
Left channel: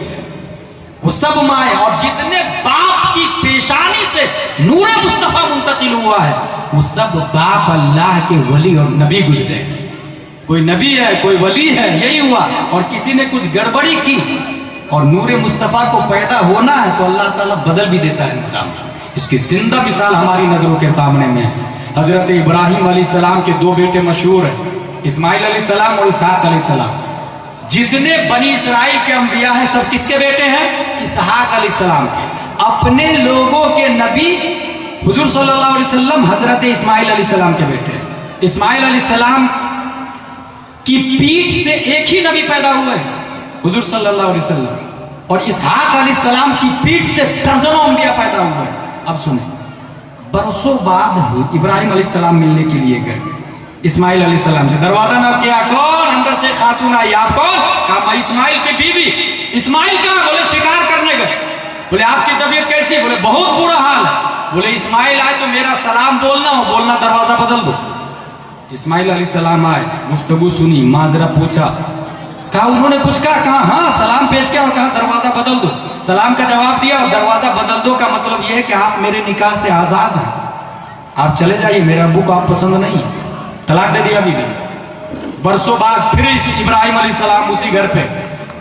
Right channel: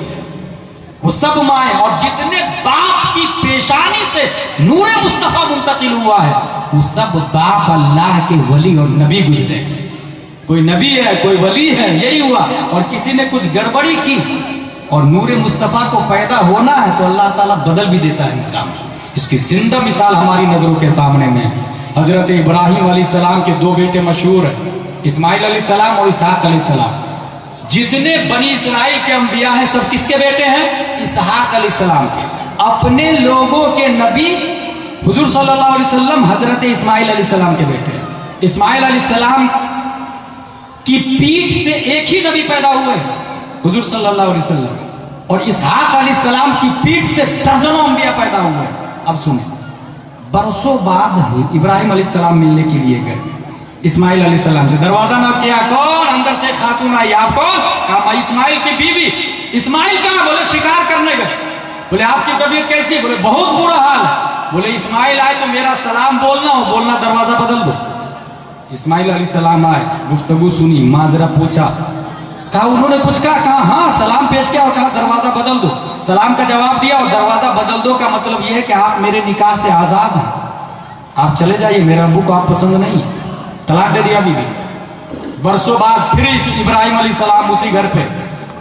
وہ سب مائیں. اور جتنے باپ کی پیشانی سے نور مصطفیٰ منتقل ہوا ہے، وہ سب باپ اللہ کے ولی اور نبی گزرے. کوئی نبی ہے، کوئی ولی ہے، یہی ہوا. اور کسی نے کچھ گڑبڑی کی اور نور مصطفیٰ کو پیدا ہونا ہے تو اللہ تعالیٰ بدل بھی دیتا ہے نظام. اس کی زندہ مثال ہماری نظروں کے سامنے میں. حضرت ابراہیم علیہ السلام کے دو بیٹے مشہور ہیں، اسماعیل علیہ السلام اور اسحاق علیہ السلام. جتنے بنی اسرائیل کے انبیاء ہیں سب کس کے بیٹے ہیں؟ اسحاق علیہ السلام کے. اپنے لوگوں کے نبی حضور صلی اللہ علیہ وسلم حضرت اسماعیل علیہ السلام کے بیٹے ہیں. اسماعیل علیہ السلام کی پیٹھ سے ایک ہی نبی پیدا ہوئے ہیں، حضور صلی اللہ علیہ وسلم. اور اسحاق علیہ السلام کی پیٹھ سے درجنوں انبیاء پیدا ہوئے ہیں. اب سنیں، برسوں بعد ابراہیم علیہ السلام ملنے کے لیے گئے اسماعیل علیہ السلام سے. دروازہ نہ کیا، کون؟ اندر سے خاتون آئی. آپ کون؟ کہا میں اسماعیل کی بیوی. اسماعیل کہاں؟ بولے شکار کرنے گئے. بولے آپ کی طبیعت کیسی؟ بولے بہت برا حال ہے. بولے اسماعیل آئے تو میرا سلام بولنا ہو، بولنا دروازہ بدل دو. اسماعیل علیہ السلام آئے، گفتگو سنی، معذرہ پوچھا. کہا انہوں نے کچھ کہا ہاں سلام پیش کیا اور کہا دروازہ بدل دو. سلام کا جواب دیا اور دروازہ بدل دو کا مطلب یہ ہے کہ آپ میرے نکاح سے آزاد ہیں، آپ چلے جائیے، میرے ابو کو آپ پسند نہیں. طلاق دے دیا بیوی. برسوں بعد پھر ابراہیم علیہ السلام اسی گھر پہ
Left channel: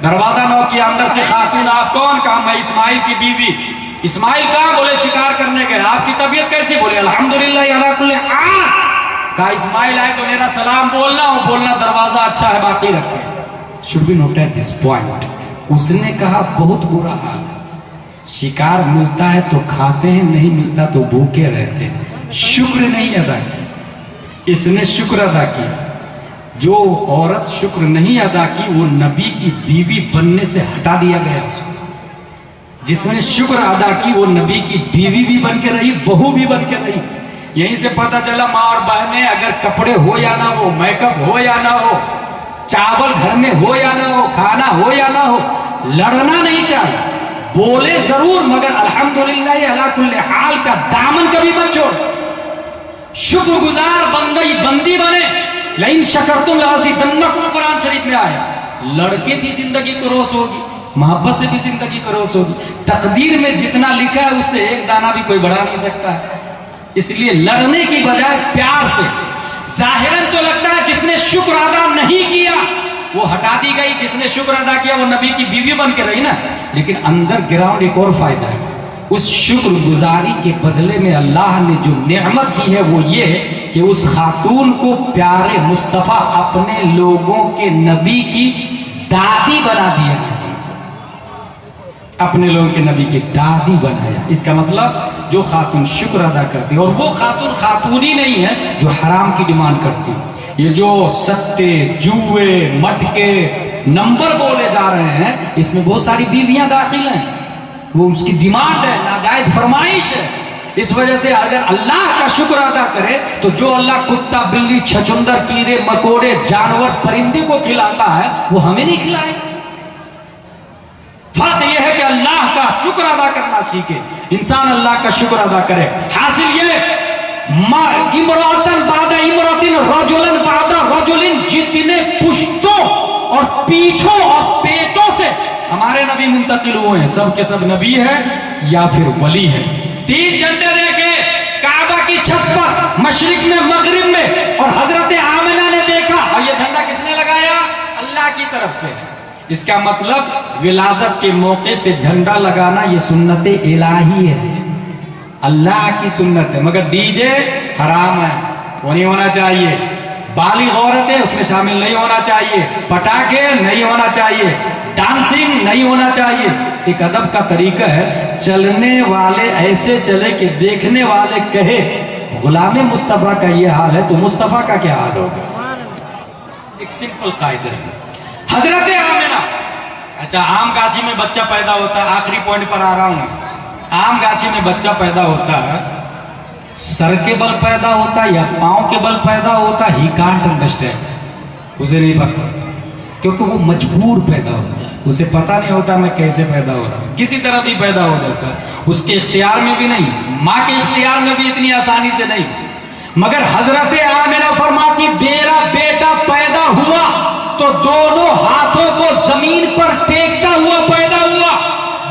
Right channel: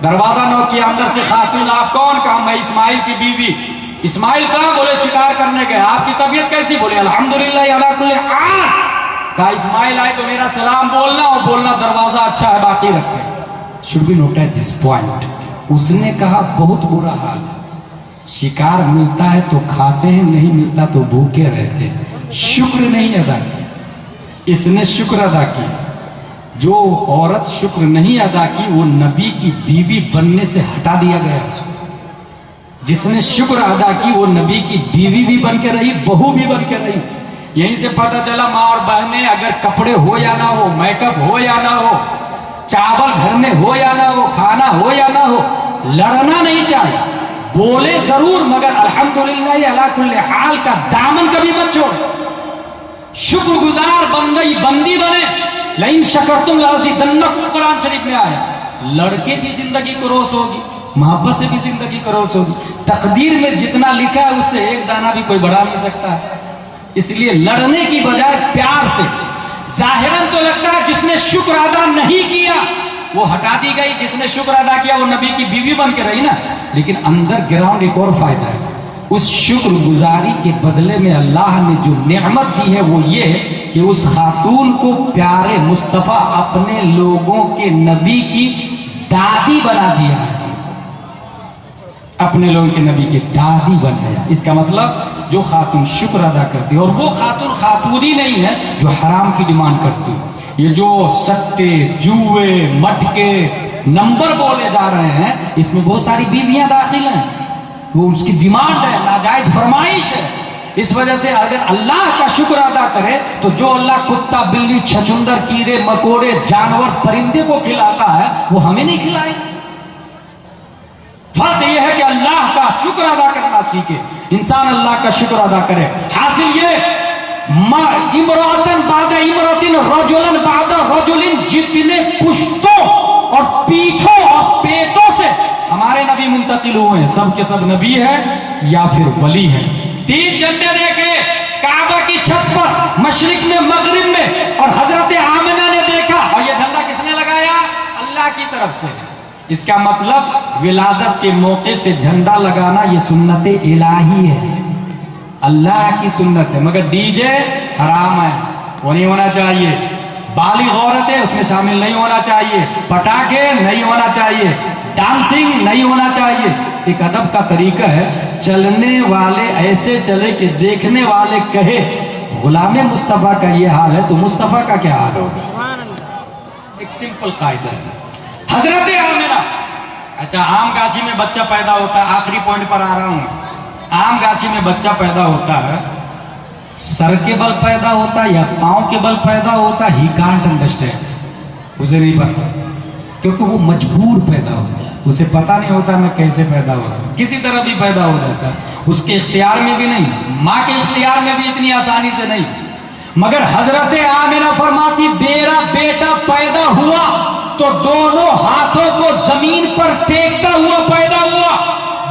دروازہ نہ کیا، اندر سے خاتون. آپ کون؟ کہا میں اسماعیل کی بیوی. اسماعیل کہاں؟ بولے شکار کرنے گئے. آپ کی طبیعت کیسی؟ بولے الحمدللہ علی کل حال. کہا اسماعیل آئے تو میرا سلام بولنا اور بولنا دروازہ اچھا ہے باقی رکھے. should be noted at this point. اس نے کہا بہت برا حال، شکار ملتا ہے تو کھاتے ہیں، نہیں ملتا تو بھوکے رہتے ہیں. شکر نہیں ادا کی. اس نے شکر ادا کی. جو عورت شکر نہیں ادا کی وہ نبی کی بیوی بننے سے ہٹا دیا گیا اس کو. جس نے شکر ادا کی وہ نبی کی بیوی بھی بن کے رہی، بہو بھی بن کے رہی. یہیں سے پتہ چلا ماں اور بہنیں، اگر کپڑے ہو یا نہ ہو، میک اپ ہو یا نہ ہو، چاول گھر میں ہو یا نہ ہو، کھانا ہو یا نہ ہو، لڑنا نہیں چاہیے. بولے ضرور مگر الحمدللہ علی کل حال کا دامن کبھی مت چھوڑ. شکر گزار بندی بنے. لئن شکرتم لازیدنکم قرآن شریف میں آیا. لڑکے بھی زندگی کو روس ہوگی، محبت سے بھی زندگی کو روس ہوگی. تقدیر میں جتنا لکھا ہے اس سے ایک دانہ بھی کوئی بڑھا نہیں سکتا ہے. اس لیے لڑنے کی بجائے پیار سے. ظاہراً تو لگتا ہے جس نے شکر ادا نہیں کیا وہ ہٹا دی گئی، جس نے شکر ادا کیا وہ نبی کی بیوی بن کے رہی نا. لیکن اندر گراؤنڈ ایک اور فائدہ ہے. اس شکر گزاری کے بدلے میں اللہ نے جو نعمت دی ہے وہ یہ ہے کہ اس خاتون کو پیارے مصطفیٰ اپنے لوگوں کے نبی کی دادی بنا دیا ہے. اپنے لوگوں کے نبی کی دادی بنایا. اس کا مطلب جو خاتون شکر ادا کرتی ہے، اور وہ خاتون ہی نہیں ہے جو حرام کی ڈیمانڈ کرتی. یہ جو سٹے، جوئے، مٹکے، نمبر بولے جا رہے ہیں اس میں بہت ساری بیویاں داخل ہیں. وہ اس کی ڈیمانڈ ہے، ناجائز فرمائش ہے. اس وجہ سے اگر اللہ کا شکر ادا کرے تو جو اللہ کتا، بلی، چھچندر، کیڑے مکوڑے، جانور، پرندے کو کھلاتا ہے وہ ہمیں نہیں کھلائے. فرق یہ ہے کہ اللہ کا شکر ادا کرنا سیکھے. انسان اللہ کا شکر ادا کرے. حاصل یہ امراتن بعد امراتن رجلن بعد رجلن، جتنے پشتوں اور پیٹھوں اور پیٹوں سے ہمارے نبی منتقل ہوئے ہیں سب کے سب نبی ہے یا پھر ولی ہے. 3 جھنڈے لے کے کعبہ کی چھت پر مشرق میں مغرب میں، اور حضرت آمنہ نے دیکھا. اور یہ جھنڈا کس نے لگایا؟ اللہ کی طرف سے. اس کا مطلب ولادت کے موقع سے جھنڈا لگانا یہ سنت الہی ہے، اللہ کی سنت ہے. مگر ڈی جے حرام ہے، وہ نہیں ہونا چاہیے. بالغ عورتیں اس میں شامل نہیں ہونا چاہیے. پٹاخے نہیں ہونا چاہیے. ڈانسنگ نہیں ہونا چاہیے. ایک ادب کا طریقہ ہے، چلنے والے ایسے چلے کہ دیکھنے والے کہے غلام مصطفیٰ کا یہ حال ہے تو مصطفیٰ کا کیا حال ہوگا؟ ایک سمپل قاعدہ ہے. حضرت آمنہ، اچھا آم گاچھی میں بچہ پیدا ہوتا ہے، آخری پوائنٹ پر آ رہا ہوں. آم گاچھی میں بچہ پیدا ہوتا ہے، سر کے بل پیدا ہوتا ہے یا پاؤں کے بل پیدا ہوتا ہے، ہی کانٹ انڈرسٹینڈ، اسے نہیں پتا، کیونکہ وہ مجبور پیدا ہوتا ہے، اسے پتا نہیں ہوتا میں کیسے پیدا ہو رہا ہوں، کسی طرح بھی پیدا ہو جاتا ہے، اس کے اختیار میں بھی نہیں، ماں کے اختیار میں بھی اتنی آسانی سے نہیں. مگر حضرت آمنہ فرماتی میرا بیٹا پیدا ہوا تو دونوں ہاتھوں کو زمین پر ٹیکتا ہوا پیدا ہوا.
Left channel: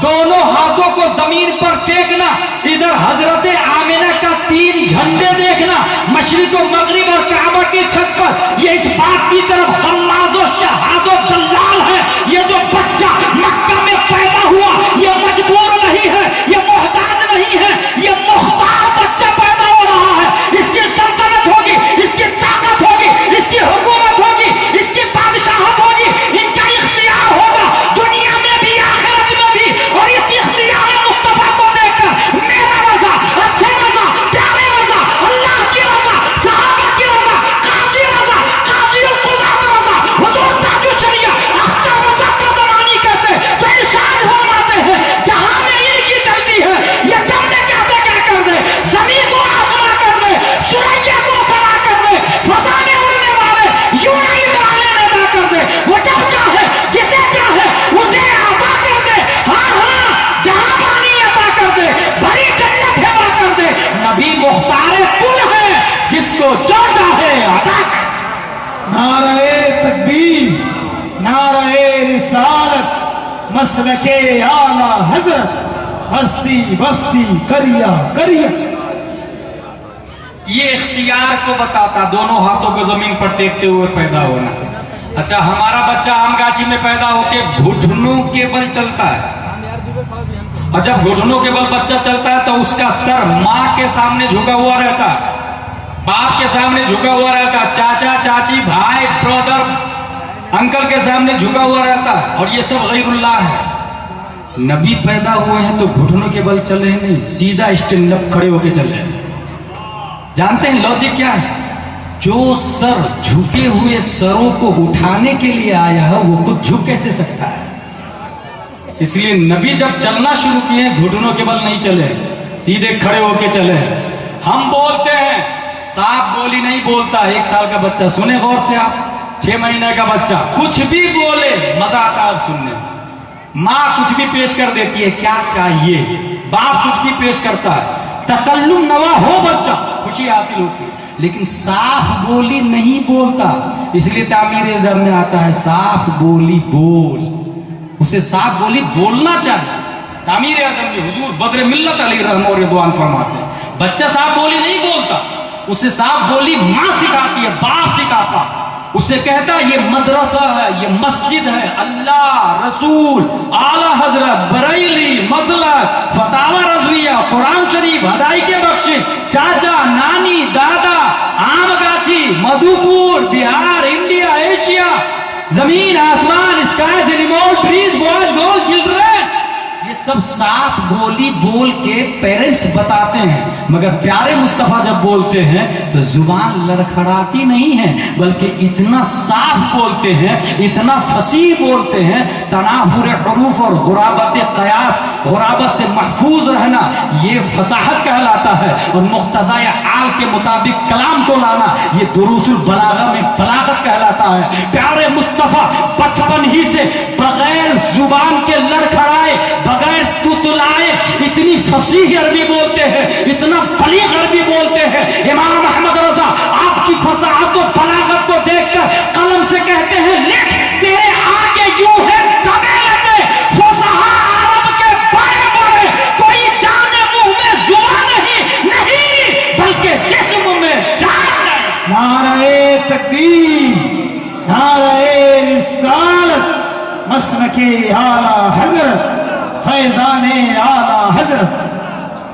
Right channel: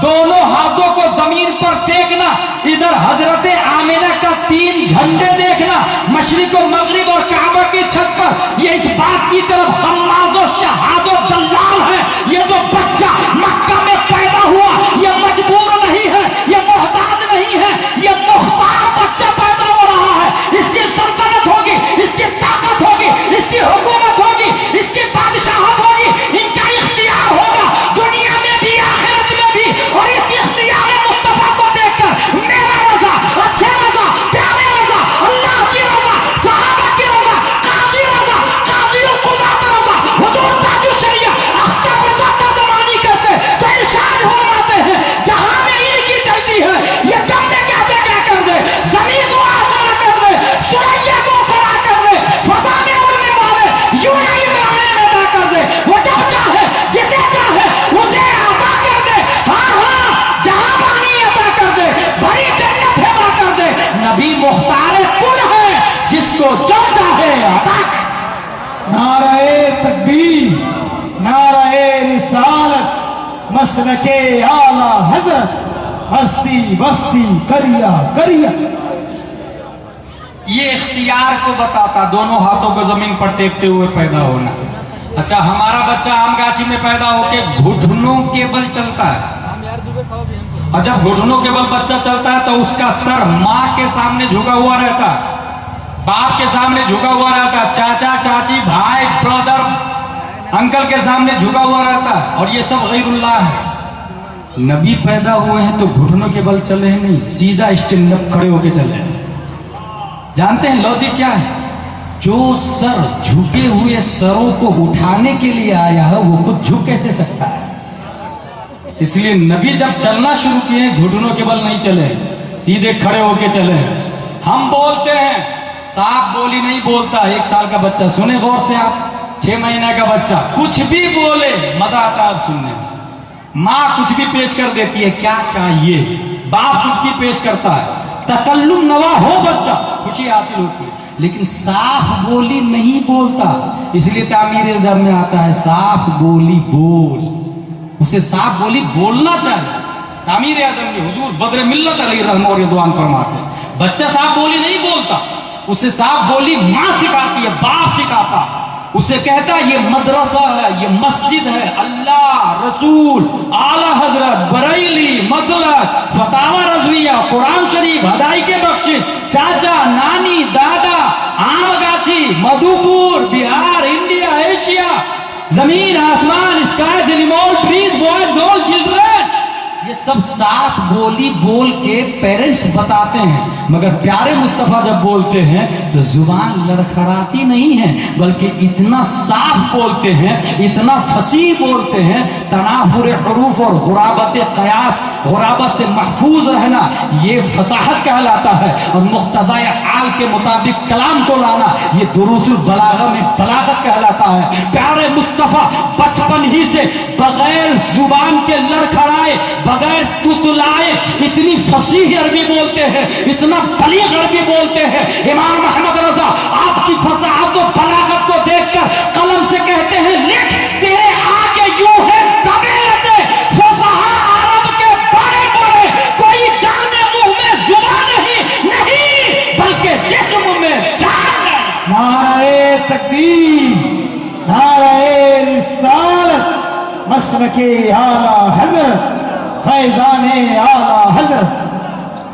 دونوں ہاتھوں کو زمین پر ٹیکنا، ادھر حضرت آمنہ کا 3 جھنڈے دیکھنا، مشرق و مغرب اور کعبہ کی چھت پر. یہ اس بات کی طرف حماز و شہاد و دلال ہے، یہ جو بچہ مکہ میں پیدا ہوا یہ مجبور نہیں ہے، یہ محتاج نہیں ہے، یہ مختار بچہ پیدا ہو رہا ہے. اس کی سلطنت ہوگی، اس کی طاقت ہوگی، اس کی حکومت ہوگی، اس کی بادشاہت ہوگی، ان کا اختیار ہوگا دنیا میں بھی آخرت میں بھی. اور اس اختیار مصطفیٰ کو دیکھ کر میرا رضا، اچھے رضا، پیارے رضا، اللہ کی رضا، صحابہ کی رضا، قاضی رضا، قاضی القضات رضا، حضور تاج الشریعہ اختر رضا ترجمانی کرتے تو ارشاد فرماتے ہیں جہاں میں ان کی چلتی ہے یہ دم میں کیسے کیا کر دے، زمین کو آسما کر دے، سریا کو فنا کر دے، فضا میں اڑنے والے یوں ہی درانے میں ادا کر دے. وہ جب چاہے جسے چاہے اسے عطا کر دے، ہاں ہاں جہاں پانی عطا کر دے، بڑی جنت عطا کر دے. نبی مختار کل ہے جس کو جو چاہے عطا کر. نعرہ تکبیر، نعرہ رسالت، مسلک اعلی حضرت، ہستی بستی کریا کریا. یہ اختیار کو بتاتا، دونوں ہاتھوں کو زمین پر ٹیکتے ہوئے پیدا ہونا. اچھا ہمارا بچہ آم گاچھی میں پیدا ہو کے گھٹنوں کے بل چلتا ہے، اور جب گھٹنوں کے بل بچہ چلتا ہے تو اس کا سر ماں کے سامنے جھکا ہوا رہتا ہے، باپ کے سامنے جھکا ہوا رہتا ہے، چاچا چاچی بھائی برادر انکل کے سامنے جھکا ہوا رہتا ہے، اور یہ سب غیر اللہ ہے. نبی پیدا ہوئے ہیں تو گھٹنوں کے بل چلے نہیں، سیدھا اسٹینڈ اپ کھڑے ہو کے چلے ہیں. جانتے ہیں لاجک کیا ہے؟ جو سر جھکے ہوئے سروں کو اٹھانے کے لیے آیا ہے وہ خود جھک کیسے سکتا ہے؟ اس لیے نبی جب چلنا شروع کیے گھٹنوں کے بل نہیں چلے، سیدھے کھڑے ہو کے چلے. ہم بولتے ہیں، صاف بولی نہیں بولتا. 1 سال کا بچہ سنے غور سے آپ، 6 مہینے کا بچہ کچھ بھی بولے مزہ آتا ہے سننے میں. ماں کچھ بھی پیش کر دیتی ہے، کیا چاہیے، باپ کچھ بھی پیش کرتا ہے، تکلم نوا ہو بچہ، خوشی حاصل ہوتی ہے. لیکن صاف بولی نہیں بولتا، اس لیے تعمیر در میں آتا ہے صاف بولی بول. اسے صاف بولی بولنا چاہیے. تعمیر ادب میں حضور بدر ملت علیہ رحمہ اور رضوان فرماتے ہیں بچہ صاف بولی نہیں بولتا، اسے صاف بولی ماں سکھاتی ہے، باپ سکھاتا، اسے کہتا ہے یہ مدرسہ ہے، یہ مسجد ہے، اللہ رسول اعلی حضرت بریلی مسلک فتاوی رضویہ قرآن شریف ہدائی کے بخشش چاچا نانی دادا آم گاچھی مدھو پور بہار انڈیا ایشیا زمین آسمان skies animal trees boys girl children, یہ سب صاف بولی بول کے پیرنٹس بتاتے ہیں. مگر پیارے مصطفیٰ جب بولتے ہیں تو زبان لڑکھڑاتی نہیں ہے، بلکہ اتنا صاف بولتے ہیں، اتنا فصیح بولتے ہیں. تنافر حروف اور غرابت قیاس، غرابت سے محفوظ رہنا یہ فصاحت کہلاتا ہے، اور مقتضی حال کے مطابق کلام کو لانا یہ دروس البلاغہ میں بلاغت کہلاتا ہے. پیارے مصطفیٰ بچپن ہی سے بغیر زبان کے لڑکھڑائے، بغیر تتلائے اتنی فصیح عربی بولتے ہیں، اتنا بلیغ عربی بولتے ہیں. امام احمد رضا آپ کی فصاحت و بلاغت کو دیکھ کر قلم سے کہتے ہیں لکھ تیرے آگے یوں ہے کبھی لگے فصحا عرب کے بڑے بڑے، کوئی جانے منہ میں زبان نہیں بلکہ جسم میں جان ہے. نعرہ تکبیر، نعرہ رسالت، مسلک اعلی حضرت، فیضان اعلی حضرت.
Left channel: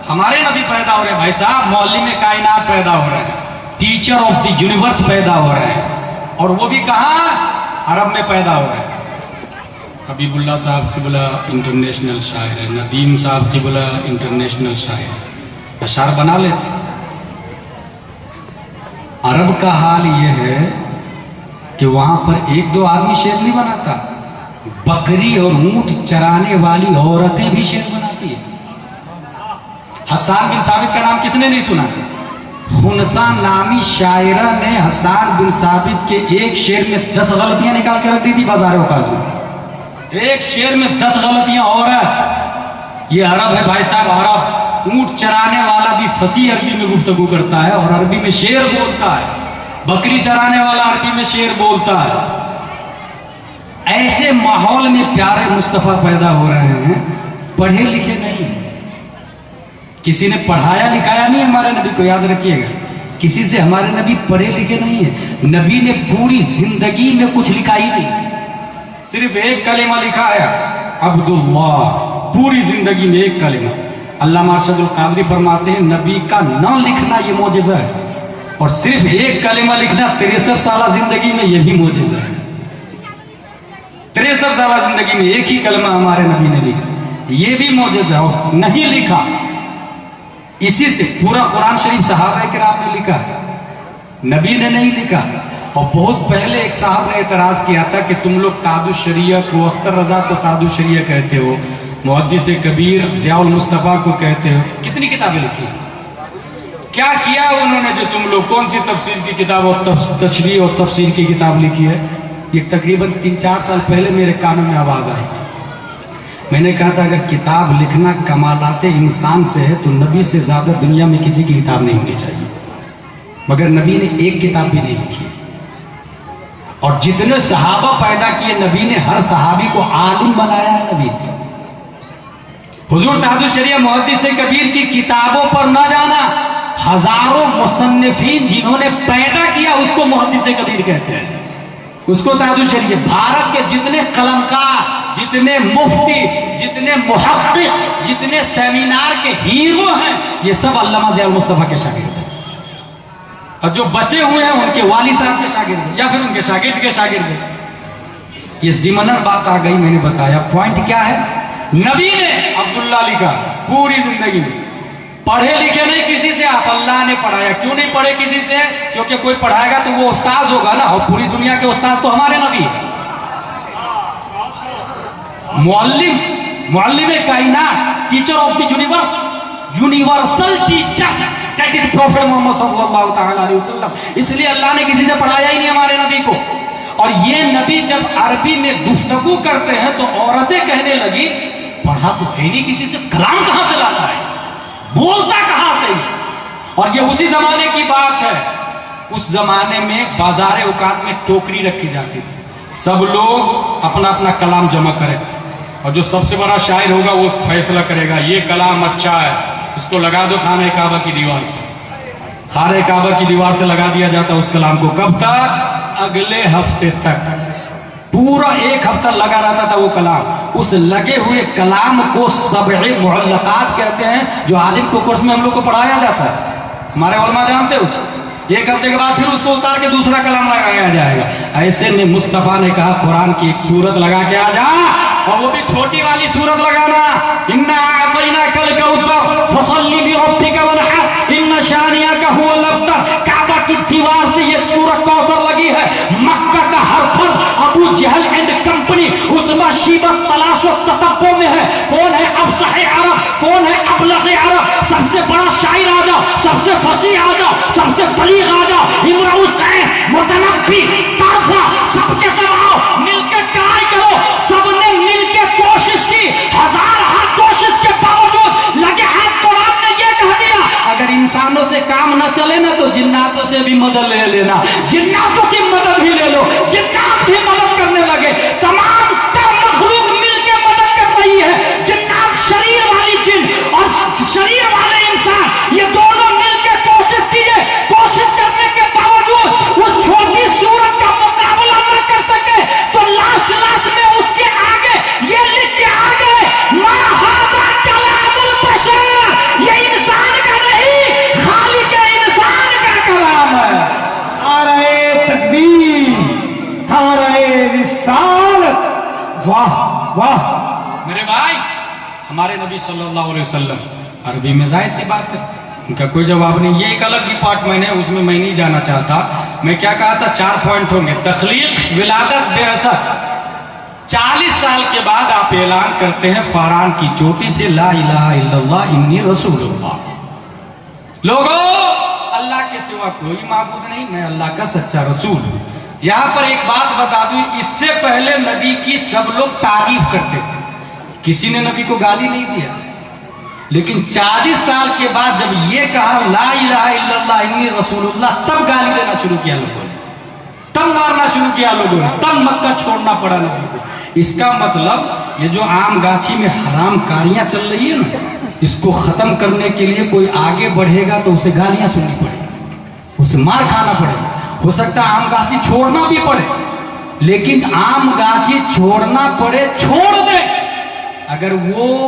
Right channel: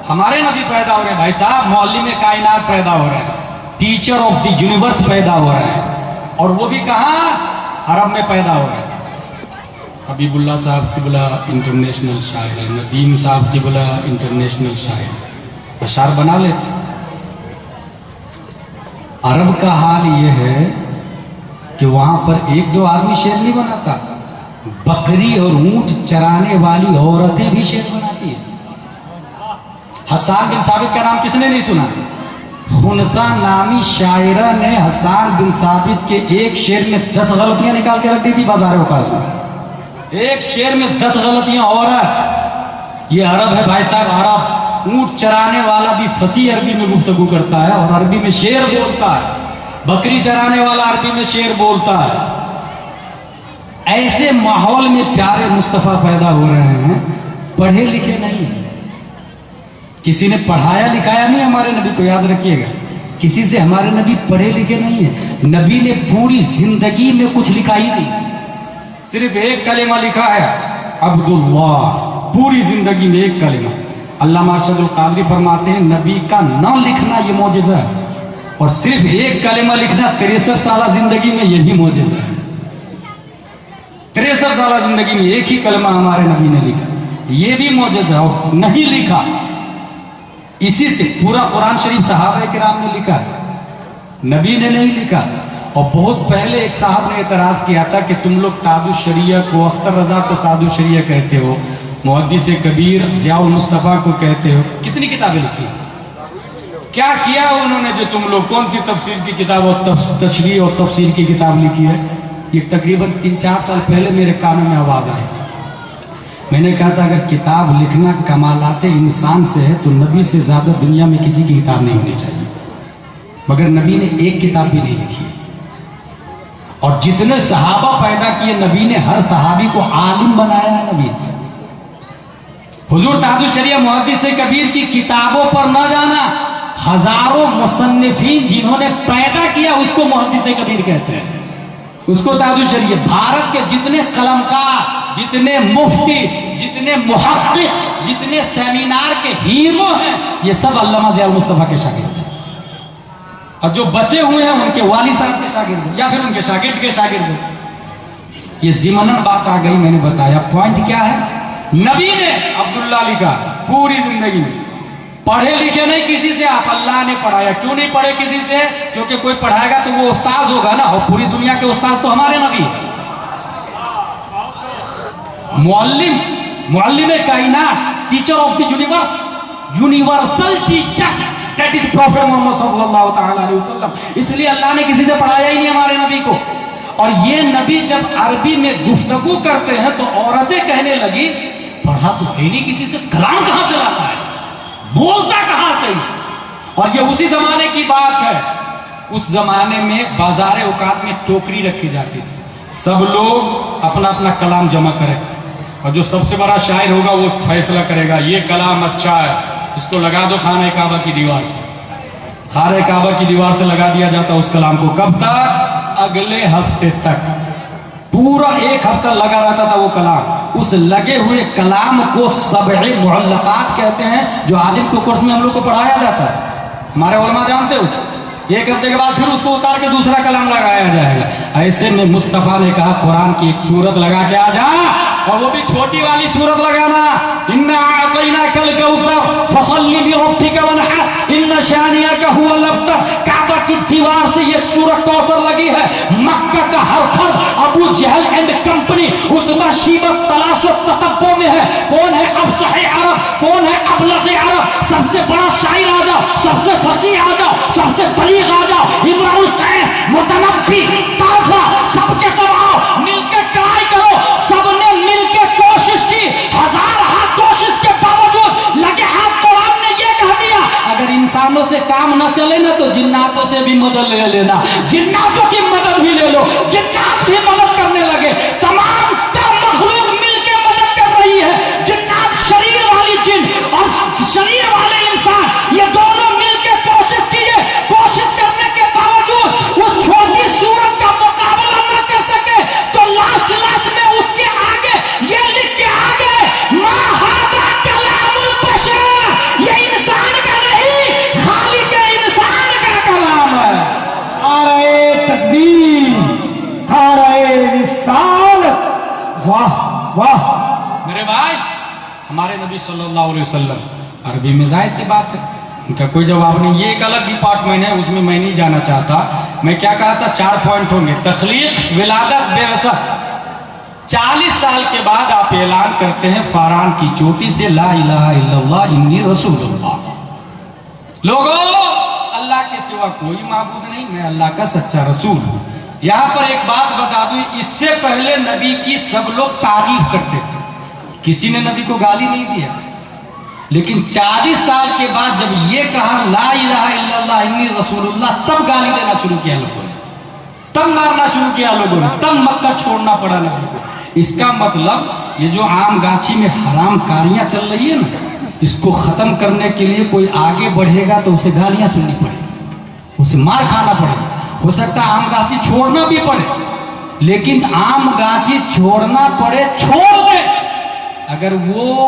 ہمارے نبی پیدا ہو رہے ہیں بھائی صاحب، معلم کائنات پیدا ہو رہے ہیں، ٹیچر آف دی یونیورس پیدا ہو رہے ہیں، اور وہ بھی کہاں؟ عرب میں پیدا ہو رہے ہیں. حبیب اللہ صاحب کی بلا انٹرنیشنل شاعر ہے، ندیم صاحب کی بلا انٹرنیشنل شاعر، اشعار بنا لیتے. عرب کا حال یہ ہے کہ وہاں پر ایک دو آدمی شیر نہیں بناتا، بکری اور اونٹ چرانے والی عورتیں بھی شیر بناتی ہے۔ حسان بن ثابت کا نام کس نے نہیں سنا؟ خنسا نامی شاعرہ نے حسان بن ثابت کے ایک شعر میں 10 غلطیاں نکال کے رکھ دی تھی بازار اوقاز میں۔ ایک شعر میں 10 غلطیاں اور ہے۔ یہ عرب ہے بھائی صاحب، عرب۔ اونٹ چرانے والا بھی فصیح عربی میں گفتگو کرتا ہے اور عربی میں شعر بولتا ہے، بکری چرانے والا عربی میں شعر بولتا ہے۔ ایسے ماحول میں پیارے مصطفیٰ پیدا ہو رہے ہیں، پڑھے لکھے نہیں ہیں، کسی نے پڑھایا لکھایا نہیں ہمارے نبی کو، یاد رکھیے گا، کسی سے ہمارے نبی پڑھے لکھے نہیں ہیں۔ نبی نے پوری زندگی میں کچھ لکھا ہی نہیں، صرف ایک کلمہ لکھا ہے، عبداللہ، پوری زندگی میں ایک کلمہ۔ علامہ ارشد القادری فرماتے ہیں نبی کا نہ لکھنا یہ معجزہ ہے، اور صرف ایک کلمہ لکھنا 63 سالہ زندگی میں یہ بھی معجزہ ہے۔ 63 سالہ زندگی میں ایک ہی کلمہ ہمارے نبی نے لکھا، یہ بھی معجزہ ہے۔ اور نہیں لکھا، اسی سے پورا قرآن شریف صحابہ کرام نے لکھا، نبی نے نہیں لکھا۔ اور بہت پہلے ایک صاحب نے اعتراض کیا تھا کہ تم لوگ تاج الشریعہ کو، اختر رضا کو تاج الشریعہ کہتے ہو، محدث کبیر ضیاء المصطفیٰ کو کہتے ہو، کتنی کتابیں لکھی؟ کیا کیا انہوں نے جو تم لوگ، کون سی تفسیر کی کتاب اور تشریح اور تفسیر کی کتاب لکھی ہے؟ یہ تقریباً 3-4 سال پہلے میرے کانوں میں آواز آئی تھی۔ میں نے کہا تھا اگر کتاب لکھنا کمالات انسان سے ہے تو نبی سے زیادہ دنیا میں کسی کی کتاب نہیں ہونی چاہیے، مگر نبی نے ایک کتاب بھی نہیں لکھی۔ اور جتنے صحابہ پیدا کیے نبی نے، ہر صحابی کو عالم بنایا ہے نبی۔ حضور تاج الشریعہ محدث کبیر کی کتابوں پر نہ جانا، ہزاروں مصنفین جنہوں نے پیدا کیا اس کو محدث کبیر کہتے ہیں، اس کو تاج الشریعہ۔ بھارت کے جتنے قلمکار، جتنے مفتی، جتنے محقق، جتنے سیمینار کے ہیرو ہیں، یہ سب علامہ ضیاء المصطفیٰ کے شاگرد ہیں، اور جو بچے ہوئے ہیں ان کے والد صاحب کے شاگرد ہیں یا پھر ان کے شاگرد کے شاگرد ہیں۔ یہ ضمناً بات آ گئی، میں نے بتایا۔ پوائنٹ کیا ہے؟ نبی نے عبداللہ لکھا پوری زندگی میں، پڑھے لکھے نہیں کسی سے، آپ اللہ نے پڑھایا۔ کیوں نہیں پڑھے کسی سے؟ کیونکہ کوئی پڑھائے گا تو وہ استاذ ہوگا نا، اور پوری دنیا کے استاذ تو ہمارے نبی ہیں۔ معلم کائنات، teacher of the universe, universal teacher, that is prophet Muhammad صلی اللہ تعالی علیہ وسلم۔ اس لیے اللہ نے کسی سے پڑھایا ہی نہیں ہمارے نبی کو۔ اور یہ نبی جب عربی میں گفتگو کرتے ہیں تو عورتیں کہنے لگی پڑھا تو ہے نہیں کسی سے، کلام کہاں سے لاتا ہے، بولتا کہاں سے؟ اور یہ اسی زمانے کی بات ہے۔ اس زمانے میں بازار اوقات میں ٹوکری رکھی جاتی تھی، سب لوگ اپنا اپنا کلام جمع کریں، اور جو سب سے بڑا شاعر ہوگا وہ فیصلہ کرے گا یہ کلام اچھا ہے، اس کو لگا دو خانہ کعبہ کی دیوار سے۔ خانہ کعبہ کی دیوار سے لگا دیا جاتا اس کلام کو، کب تک؟ اگلے ہفتے تک، پورا 1 ہفتہ لگا رہتا تھا وہ کلام۔ اس لگے ہوئے کلام کو 7 معلقات کہتے ہیں، جو عالم کو کورس میں ہم لوگ کو پڑھایا جاتا ہے، ہمارے علماء جانتے ہیں۔ 1 ہفتے کے بعد پھر اس کو اتار کے دوسرا کلام لگایا جائے گا۔ ایسے میں مصطفیٰ نے کہا قرآن کی ایک سورت لگا کے آ جا، اور وہ بھی چھوٹی والی سورت لگانا، اِنَّا أَعْطَيْنَاكَ الْكَوْثَرَ فَصَلِّ لِرَبِّكَ وَانْحَرْ إِنَّ شَانِئَكَ هُوَ الْأَبْتَرُ۔ کعبہ کی دیوار سے یہ سورت کوثر لگی ہے۔ مکہ کا ہر فرد ابو جہل اینڈ کمپنی اتبا شیبت تلاش و تتبع میں ہے، کون ہے افصح عرب، کون ہے ابلغ عرب، سب سے بڑا شاعر آ جاؤ، سب سے فصیح آ جاؤ، سب سے بلیغ آ جاؤ، امرؤ القیس، متنبی، طرفہ، سب کے سب آؤ، مل کے ٹرائی کرو۔ سب نے مل کے کوشش کی، 1000 ہاتھ کوشش کے باوجود لگے ہاتھ قرآن نے یہ کہہ دیا اگر انسانوں سے کام نہ چلے نا تو جناتوں سے بھی مدد لے لینا، جناتوں کی مدد بھی لے لو۔ جنات بھی مدد کرنے لگے، تمام تر مخلوق مل کے مدد کر رہی ہے۔ جنات، شریر والی جن اور شریر والے انسان، یہ دونوں مل کے کوشش کیے، کوشش کرنے کے باوجود وہ چھوٹی صورت کا مقابلہ نہ کر سکے، تو لاسٹ میں اس کے آگے یہ لکھ کے آگے ما ھذا کلام البشر، یہ انسان کا نہیں، خالق انسان کا کلام ہے۔ نعرہ تکبیر، نعرہ رسالت، واہ واہ۔ میرے بھائی، ہمارے نبی صلی اللہ علیہ وسلم عربی میں ظاہر سی بات ہے ان کا کوئی جواب نہیں. یہ ایک الگ ڈپارٹمنٹ ہے، اس میں میں نہیں جانا چاہتا. میں کیا کہا تھا؟ 4 پوائنٹوں میں تخلیق، ولادت، بعثت. 40 سال کے بعد آپ اعلان کرتے ہیں فاران کی چوٹی سے لا الہ الا اللہ انی رسول اللہ. لوگوں، اللہ کے سوا کوئی معبود نہیں، میں اللہ کا سچا رسول ہوں. یہاں پر ایک بات بتا دوں، اس سے پہلے نبی کی سب لوگ تعریف کرتے تھے، کسی نے نبی کو گالی نہیں دیا. لیکن 40 سال کے بعد جب یہ کہا لا الہ الا اللہ انی رسول اللہ، تب گالی دینا شروع کیا لوگوں نے، تب مارنا شروع کیا لوگوں نے، تب مکہ چھوڑنا پڑا نبی کو. اس کا مطلب یہ جو عام گاچھی میں حرام کاریاں چل رہی ہے نا، اس کو ختم کرنے کے لیے کوئی آگے بڑھے گا تو اسے گالیاں سننی پڑے گی، اسے مار کھانا پڑے گا. ہو سکتا ہے عام گاچھی چھوڑنا بھی پڑے، لیکن عام گاچھی چھوڑنا پڑے چھوڑ دے، اگر وہ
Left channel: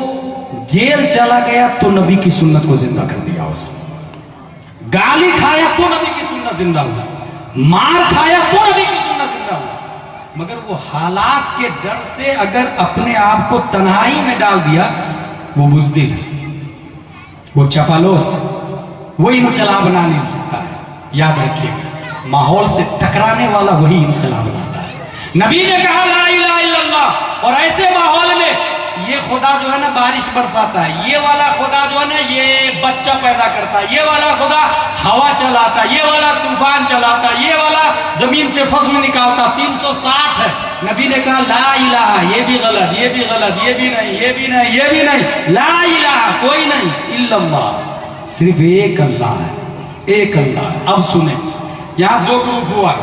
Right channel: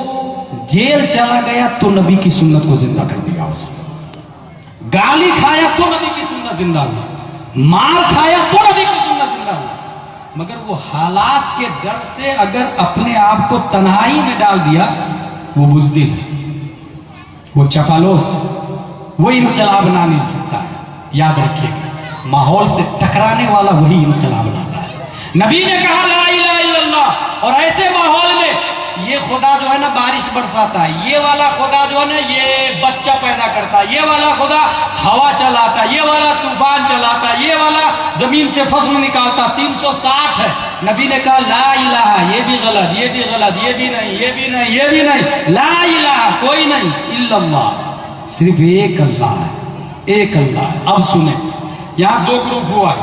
جیل چلا گیا تو نبی کی سنت کو زندہ کر دے گا. اسے گالی کھایا تو نبی کی سنت زندہ ہوا، مار کھایا تو نبی کی سنت زندہ ہوا. مگر وہ حالات کے ڈر سے اگر اپنے آپ کو تنہائی میں ڈال دیا، وہ بزدل، وہ چپالوس، وہ انقلاب بنا نہیں سکتا ہے. یاد رکھیے، ماحول سے ٹکرانے والا وہی انقلاب لاتا ہے. نبی نے کہا لا الہ الا اللہ، اور ایسے ماحول میں یہ خدا جو ہے نا بارش برساتا ہے، یہ والا خدا جو ہے نا یہ بچہ پیدا کرتا ہے، یہ والا خدا ہوا چلاتا ہے، یہ والا طوفان چلاتا ہے، یہ والا زمین سے فصل نکالتا. 360 ہے. نبی نے کہا لا الہ، یہ بھی غلط، یہ بھی غلط، یہ بھی نہیں، یہ بھی نہیں، یہ بھی نہیں. لا الہ کوئی نہیں الا اللہ، صرف ایک اللہ ہے، ایک اللہ ہے. اب سنیں، یہاں 2 گروپ ہوا.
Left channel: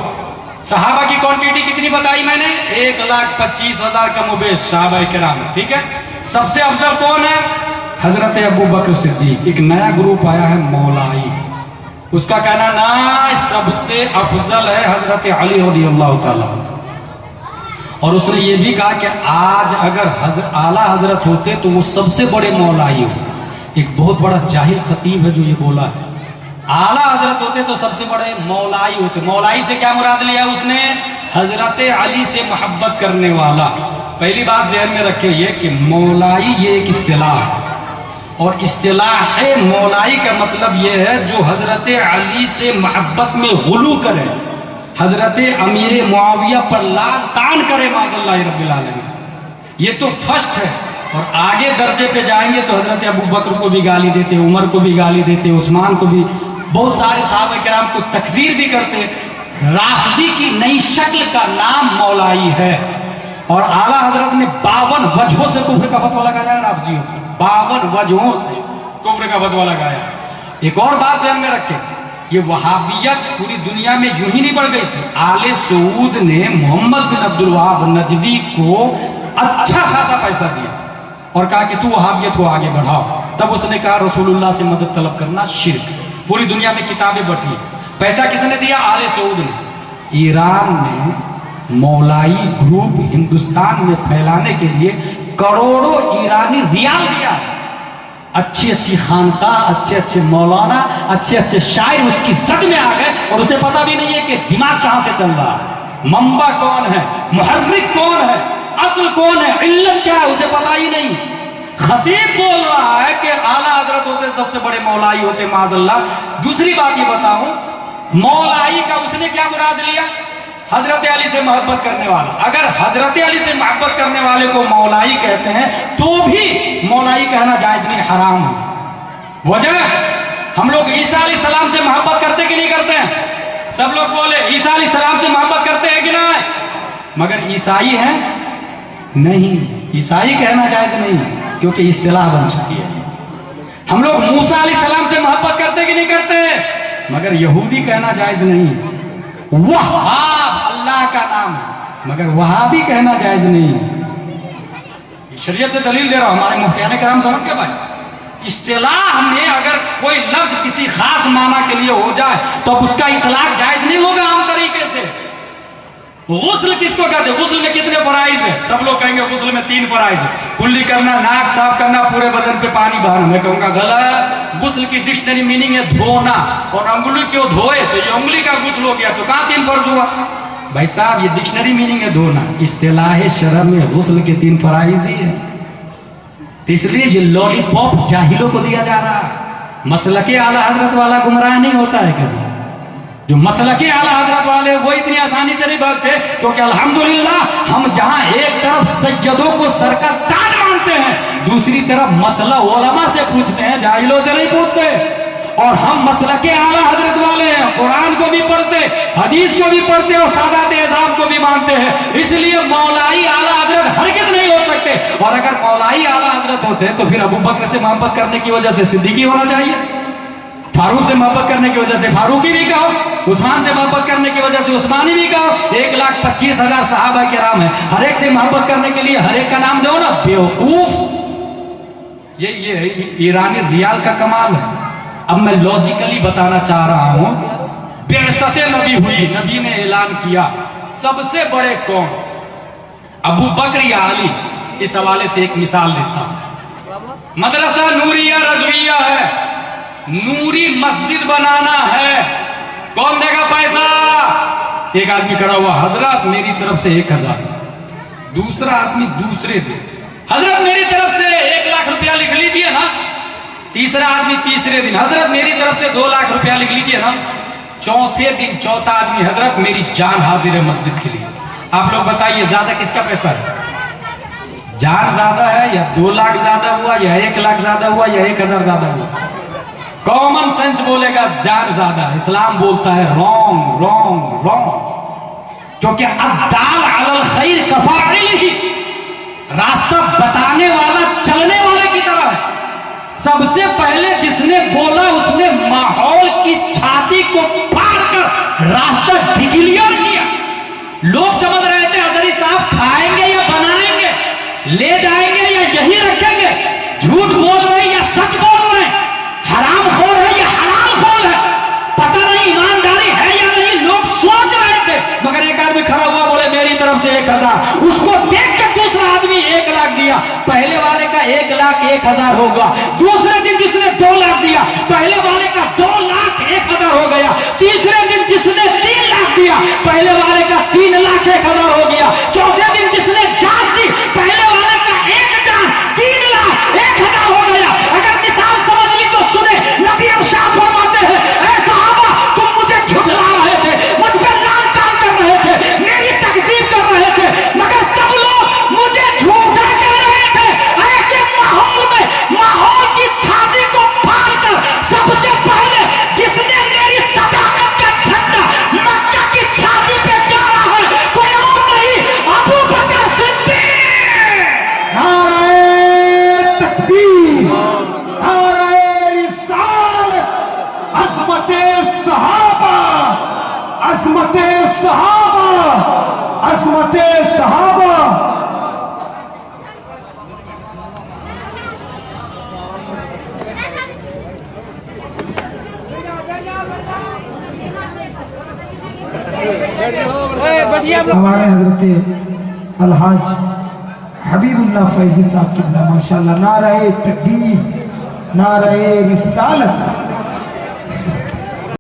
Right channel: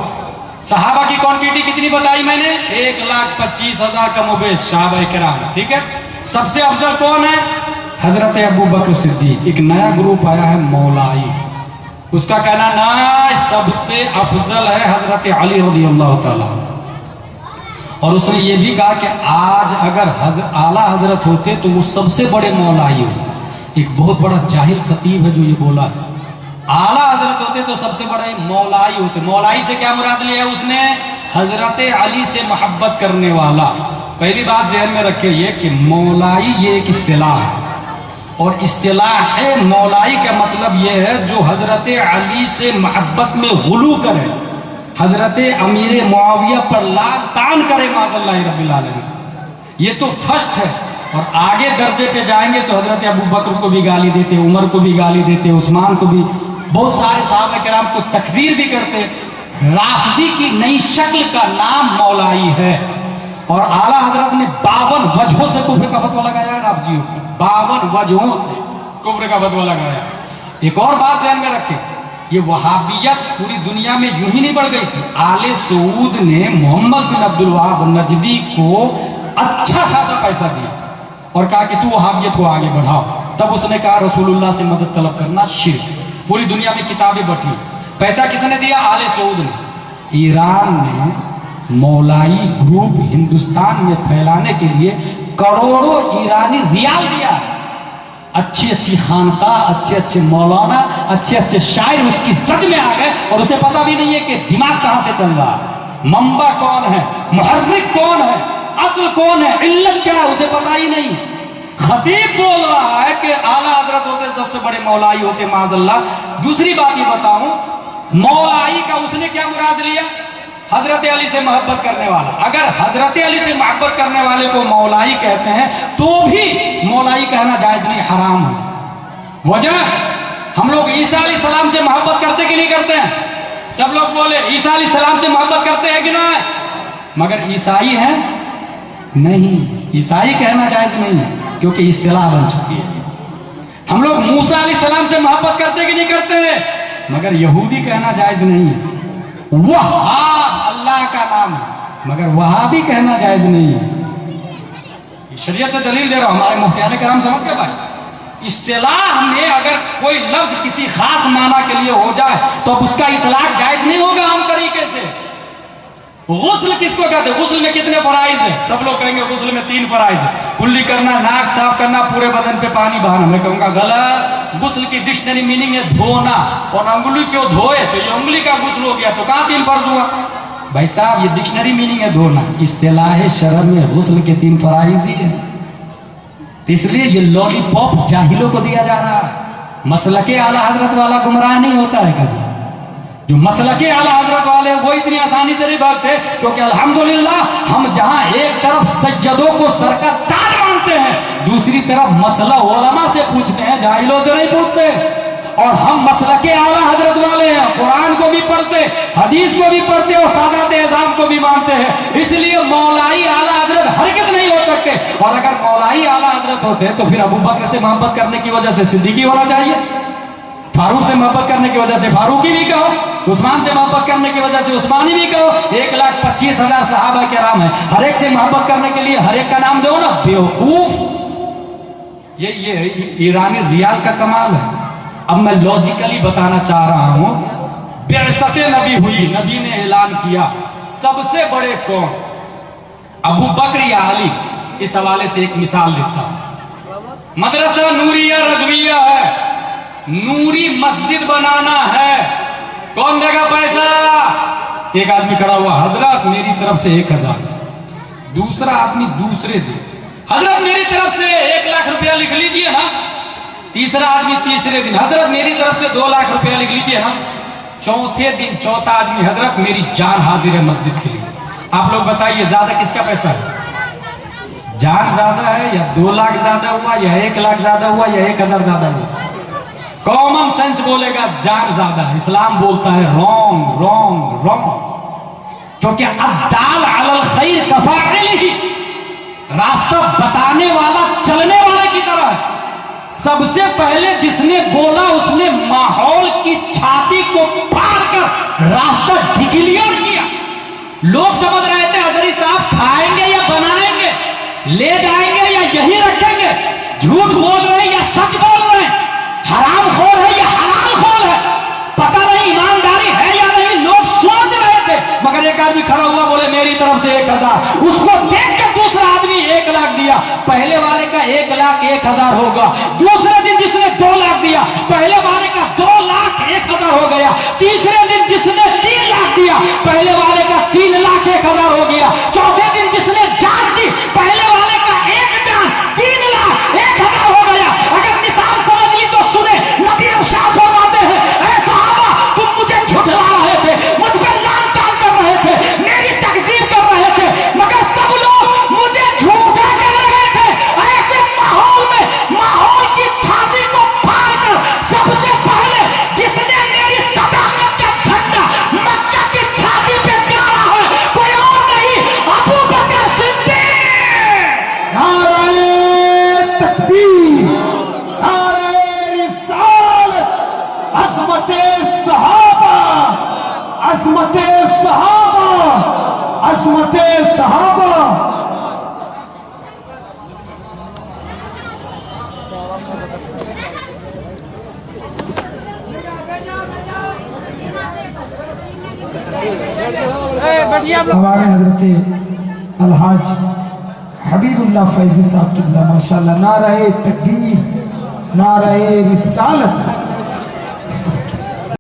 صحابہ کی کوانٹٹی کتنی بتائی میں نے؟ 1,25,000 کم و بیش صحابہ کرام. ٹھیک ہے. سب سے افضل کون ہے؟ حضرت ابو بکر صدیق. ایک نیا گروپ آیا ہے مولائی، اس کا کہنا نا سب سے افضل ہے حضرت علی رضی اللہ تعالیٰ. اور اس نے یہ بھی کہا کہ آج اگر اعلیٰ حضرت ہوتے تو وہ سب سے بڑے مولائی ہوتے. ایک بہت بڑا جاہل خطیب ہے جو یہ بولا ہے، اعلیٰ حضرت ہوتے تو سب سے بڑے مولائی ہوتے. مولائی سے کیا مراد لیا اس نے؟ حضرت علی سے محبت کرنے والا. پہلی بات ذہن میں رکھے یہ کہ مولائی یہ ایک اصطلاح ہے، اور اصطلاح ہے مولائی کا مطلب یہ ہے جو حضرت علی سے محبت میں غلو کرے، حضرت امیر معاویہ پر لعن طعن کرے معاذ اللہ رب العالمین. یہ تو فرسٹ ہے. اور آگے درجے پہ جائیں گے تو حضرت ابو بکر کو بھی گالی دیتے، عمر کو بھی گالی دیتے، عثمان کو بھی، بہت سارے صحابہ کرام کو تکفیر بھی کرتے. رافضی کی نئی شکل کا نام مولائی ہے. اور اعلیٰ حضرت نے 52 وجہوں سے کفر کا فتویٰ لگایا ہے رافضیوں کو، 52 وجہوں سے کفر کا فتویٰ لگایا. ایک اور بات ذہن میں رکھیں، یہ وہابیت پوری دنیا میں یوں ہی نہیں بڑھ گئی تھی. آل سعود نے محمد بن عبد الوہاب نجدی کو اچھا خاصا پیسہ دیا اور کہا کہ تو وہابیت کو آگے بڑھاؤ. تب اس نے کہا رسول اللہ سے مدد طلب کرنا شرک. پوری دنیا میں کتابیں بٹھی. پیسہ کس نے دیا؟ آل سعود نے. ایران نے مولائی گروپ ہندوستان میں پھیلانے کے لیے کروڑوں ایرانی ریال دیا. اچھی اچھی خانقاہ، اچھے اچھے مولانا، اچھے اچھے شاعر اس کی زد میں آ گئے اور اسے پتہ بھی نہیں ہے کہ دماغ کہاں سے چل رہا ہے، منبع کون ہے، محرک کون ہے، اصل کون ہے، علت کیا ہے، اسے پتہ ہی نہیں. خطیب بول رہا ہے کہ اعلیٰ حضرت ہوتے سب سے بڑے مولائی ہوتے معاذ اللہ. دوسری بات یہ بتاؤں، مولائی کا اس نے کیا مراد لیا؟ حضرت علی سے محبت کرنے والا. اگر حضرت علی سے محبت کرنے والے کو مولائی کہتے ہیں تو بھی مولائی کہنا جائز نہیں، حرام ہے. وجہ ہم لوگ عیسیٰ علیہ السلام سے محبت کرتے کہ نہیں کرتے ہیں؟ سب لوگ بولے عیسیٰ علیہ السلام سے محبت کرتے ہیں کہ نہیں؟ مگر عیسائی ہیں نہیں. عیسائی کہنا جائز نہیں کیونکہ اصطلاح بن چکی ہے. ہم لوگ موسیٰ علیہ السلام سے محبت کرتے کہ نہیں کرتے؟ مگر یہودی کہنا جائز نہیں. وہاب اللہ کا نام ہے مگر وہابی کہنا جائز نہیں. شریعت سے دلیل دے رہا ہوں، ہمارے مفتیان کرام سمجھ گئے بھائی. اصطلاح میں اگر کوئی لفظ کسی خاص معنی کے لیے ہو جائے تو اب اس کا اطلاق جائز نہیں ہوگا عام طریقے سے. غسل کس کو کہتے ہیں؟ غسل میں کتنے فرائض ہیں؟ سب لوگ کہیں گے غسل میں 3 فرائض ہیں، کلی کرنا، ناک صاف کرنا، پورے بدن پہ پانی بہانا. میں کہوں گا غلط. غسل کی ڈکشنری میننگ ہے دھونا، اور انگلی کیوں دھوئے تو یہ انگلی کا غسل ہو گیا، تو کہاں 3 فرض ہوا؟ بھائی صاحب یہ ڈکشنری میننگ ہے دھونا، اصطلاح شرع میں غسل کے 3 فرائض ہی ہے. اس لیے یہ لولی پاپ جاہلوں کو دیا جا رہا ہے. مسلک اعلی حضرت والا گمراہ نہیں ہوتا ہے کبھی. جو مسلک اعلی حضرت والے وہ اتنی آسانی سے نہیں بھاگتے, کیونکہ الحمدللہ ہم جہاں ایک طرف سیدوں کو سر کا تاج مانتے ہیں, دوسری طرف مسئلہ علماء سے پوچھتے ہیں, جاہلوں سے نہیں پوچھتے. اور ہم مسلک اعلی حضرت والے ہیں, قرآن کو بھی پڑھتے, حدیث کو بھی پڑھتے اور سادات اعظام کو بھی مانتے ہیں. اس لیے مولائی اعلی حضرت ہرگز نہیں ہو سکتے. اور اگر مولائی اعلی حضرت ہوتے تو پھر ابو بکر سے محبت کرنے کی وجہ سے صدیقی ہونا چاہیے, فاروق سے محبت کرنے کی وجہ سے فاروقی بھی کہو, عثمان سے محبت کرنے کی وجہ سے عثمانی بھی کہو. 1,25,000 صحابہ کرام ہیں, ہر ایک سے محبت کرنے کے لیے ہر ایک کا نام دو نا, بیوقوف. یہ ایرانی ریال کا کمال ہے. اب میں لاجیکلی بتانا چاہ رہا ہوں, بعثت نبی ہوئی, نبی نے اعلان کیا سب سے بڑے کون, ابو بکر یا علی. اس حوالے سے ایک مثال دیتا ہوں. مدرسہ نوریہ رضویہ ہے, نوری مسجد بنانا ہے, کون دے گا پیسہ؟ ایک آدمی کھڑا ہوا, حضرت میری طرف سے 1,000. دوسرا آدمی دوسرے دے, حضرت میری طرف سے 1,00,000 روپیہ لکھ لیجئے نا. تیسرا آدمی تیسرے دن, حضرت میری طرف سے 2,00,000 روپیہ لکھ لیجئے نا. چوتھے دن چوتھا آدمی, حضرت میری جان حاضر ہے مسجد کے لیے. آپ لوگ بتائیے زیادہ کس کا پیسہ ہے؟ جان زیادہ ہے یا 2,00,000 زیادہ ہوا یا 1,00,000 زیادہ ہوا یا 1,000 زیادہ ہوا؟ کامن سینس بولے گا جان زیادہ ہے. اسلام بولتا ہے رونگ رونگ رونگ, کیونکہ الدال علی الخیر کفاعلہ, راستہ بتانے والا چلنے والے کی طرح ہے. سب سے پہلے جس نے بولا اس نے ماحول کی چھاتی کو پھاڑ کر راستہ ڈھکیلیا کیا. لوگ سمجھ رہے تھے حضری صاحب کھائیں گے یا بنائیں گے, لے جائیں گے یا یہی رکھیں گے, جھوٹ بول رہے ہیں یا سچ بول رہے ہیں, حرام خور ہے یا حلال خور ہے, پتہ نہیں ایمانداری ہے یا نہیں. لوگ سوچ رہے تھے, مگر ایک آدمی کھڑا ہوا بولے میری طرف سے 1,000. اس کو دیکھ کر دوسرا آدمی 1,00,000 دیا. پہلے والے کا 1,00,000 1,000 ہوگا. دوسرے دن جس نے 2,00,000 دیا, پہلے والے کا 2,00,000 1,000 ہو گیا. تیسرے دن جس نے 3,00,000 دیا, پہلے والے کا 3,00,000 1,000 ہو گیا. چوتھے دن جس نے جان دی, پہلے والے کا 1 جان 3,00,000 1,000 ہو گیا. اگر مثال سمجھ لی تو سنے, نبی ارشاد فرماتے ہیں اے صحابہ تم مجھے جھٹلا رہے تھے, مجھ پہ لعن طعن کر رہے تھے, میری تکذیب کر رہے تھے, مگر سب لوگ مجھے جھوٹا کہہ رہے تھے. ایسے ماحول میں ماحول کی چھاتی کو پھاڑ کر سب سے پہلے جس نے میری صداقت کا جھنڈا مکہ کی چھاتی پہ گاڑا ہے کوئی اور نہیں, ابو بکر صدیق. نعرہ تکبیر, نعرہ رسالت, عظمت صحابہ, عظمت صحابہ, عظمت صحابہ. ہمارے حضرت الحاج حبیب اللہ فیضی صاحب کی ماشاء اللہ. نعرہ تکبیر, نعرہ رسالت.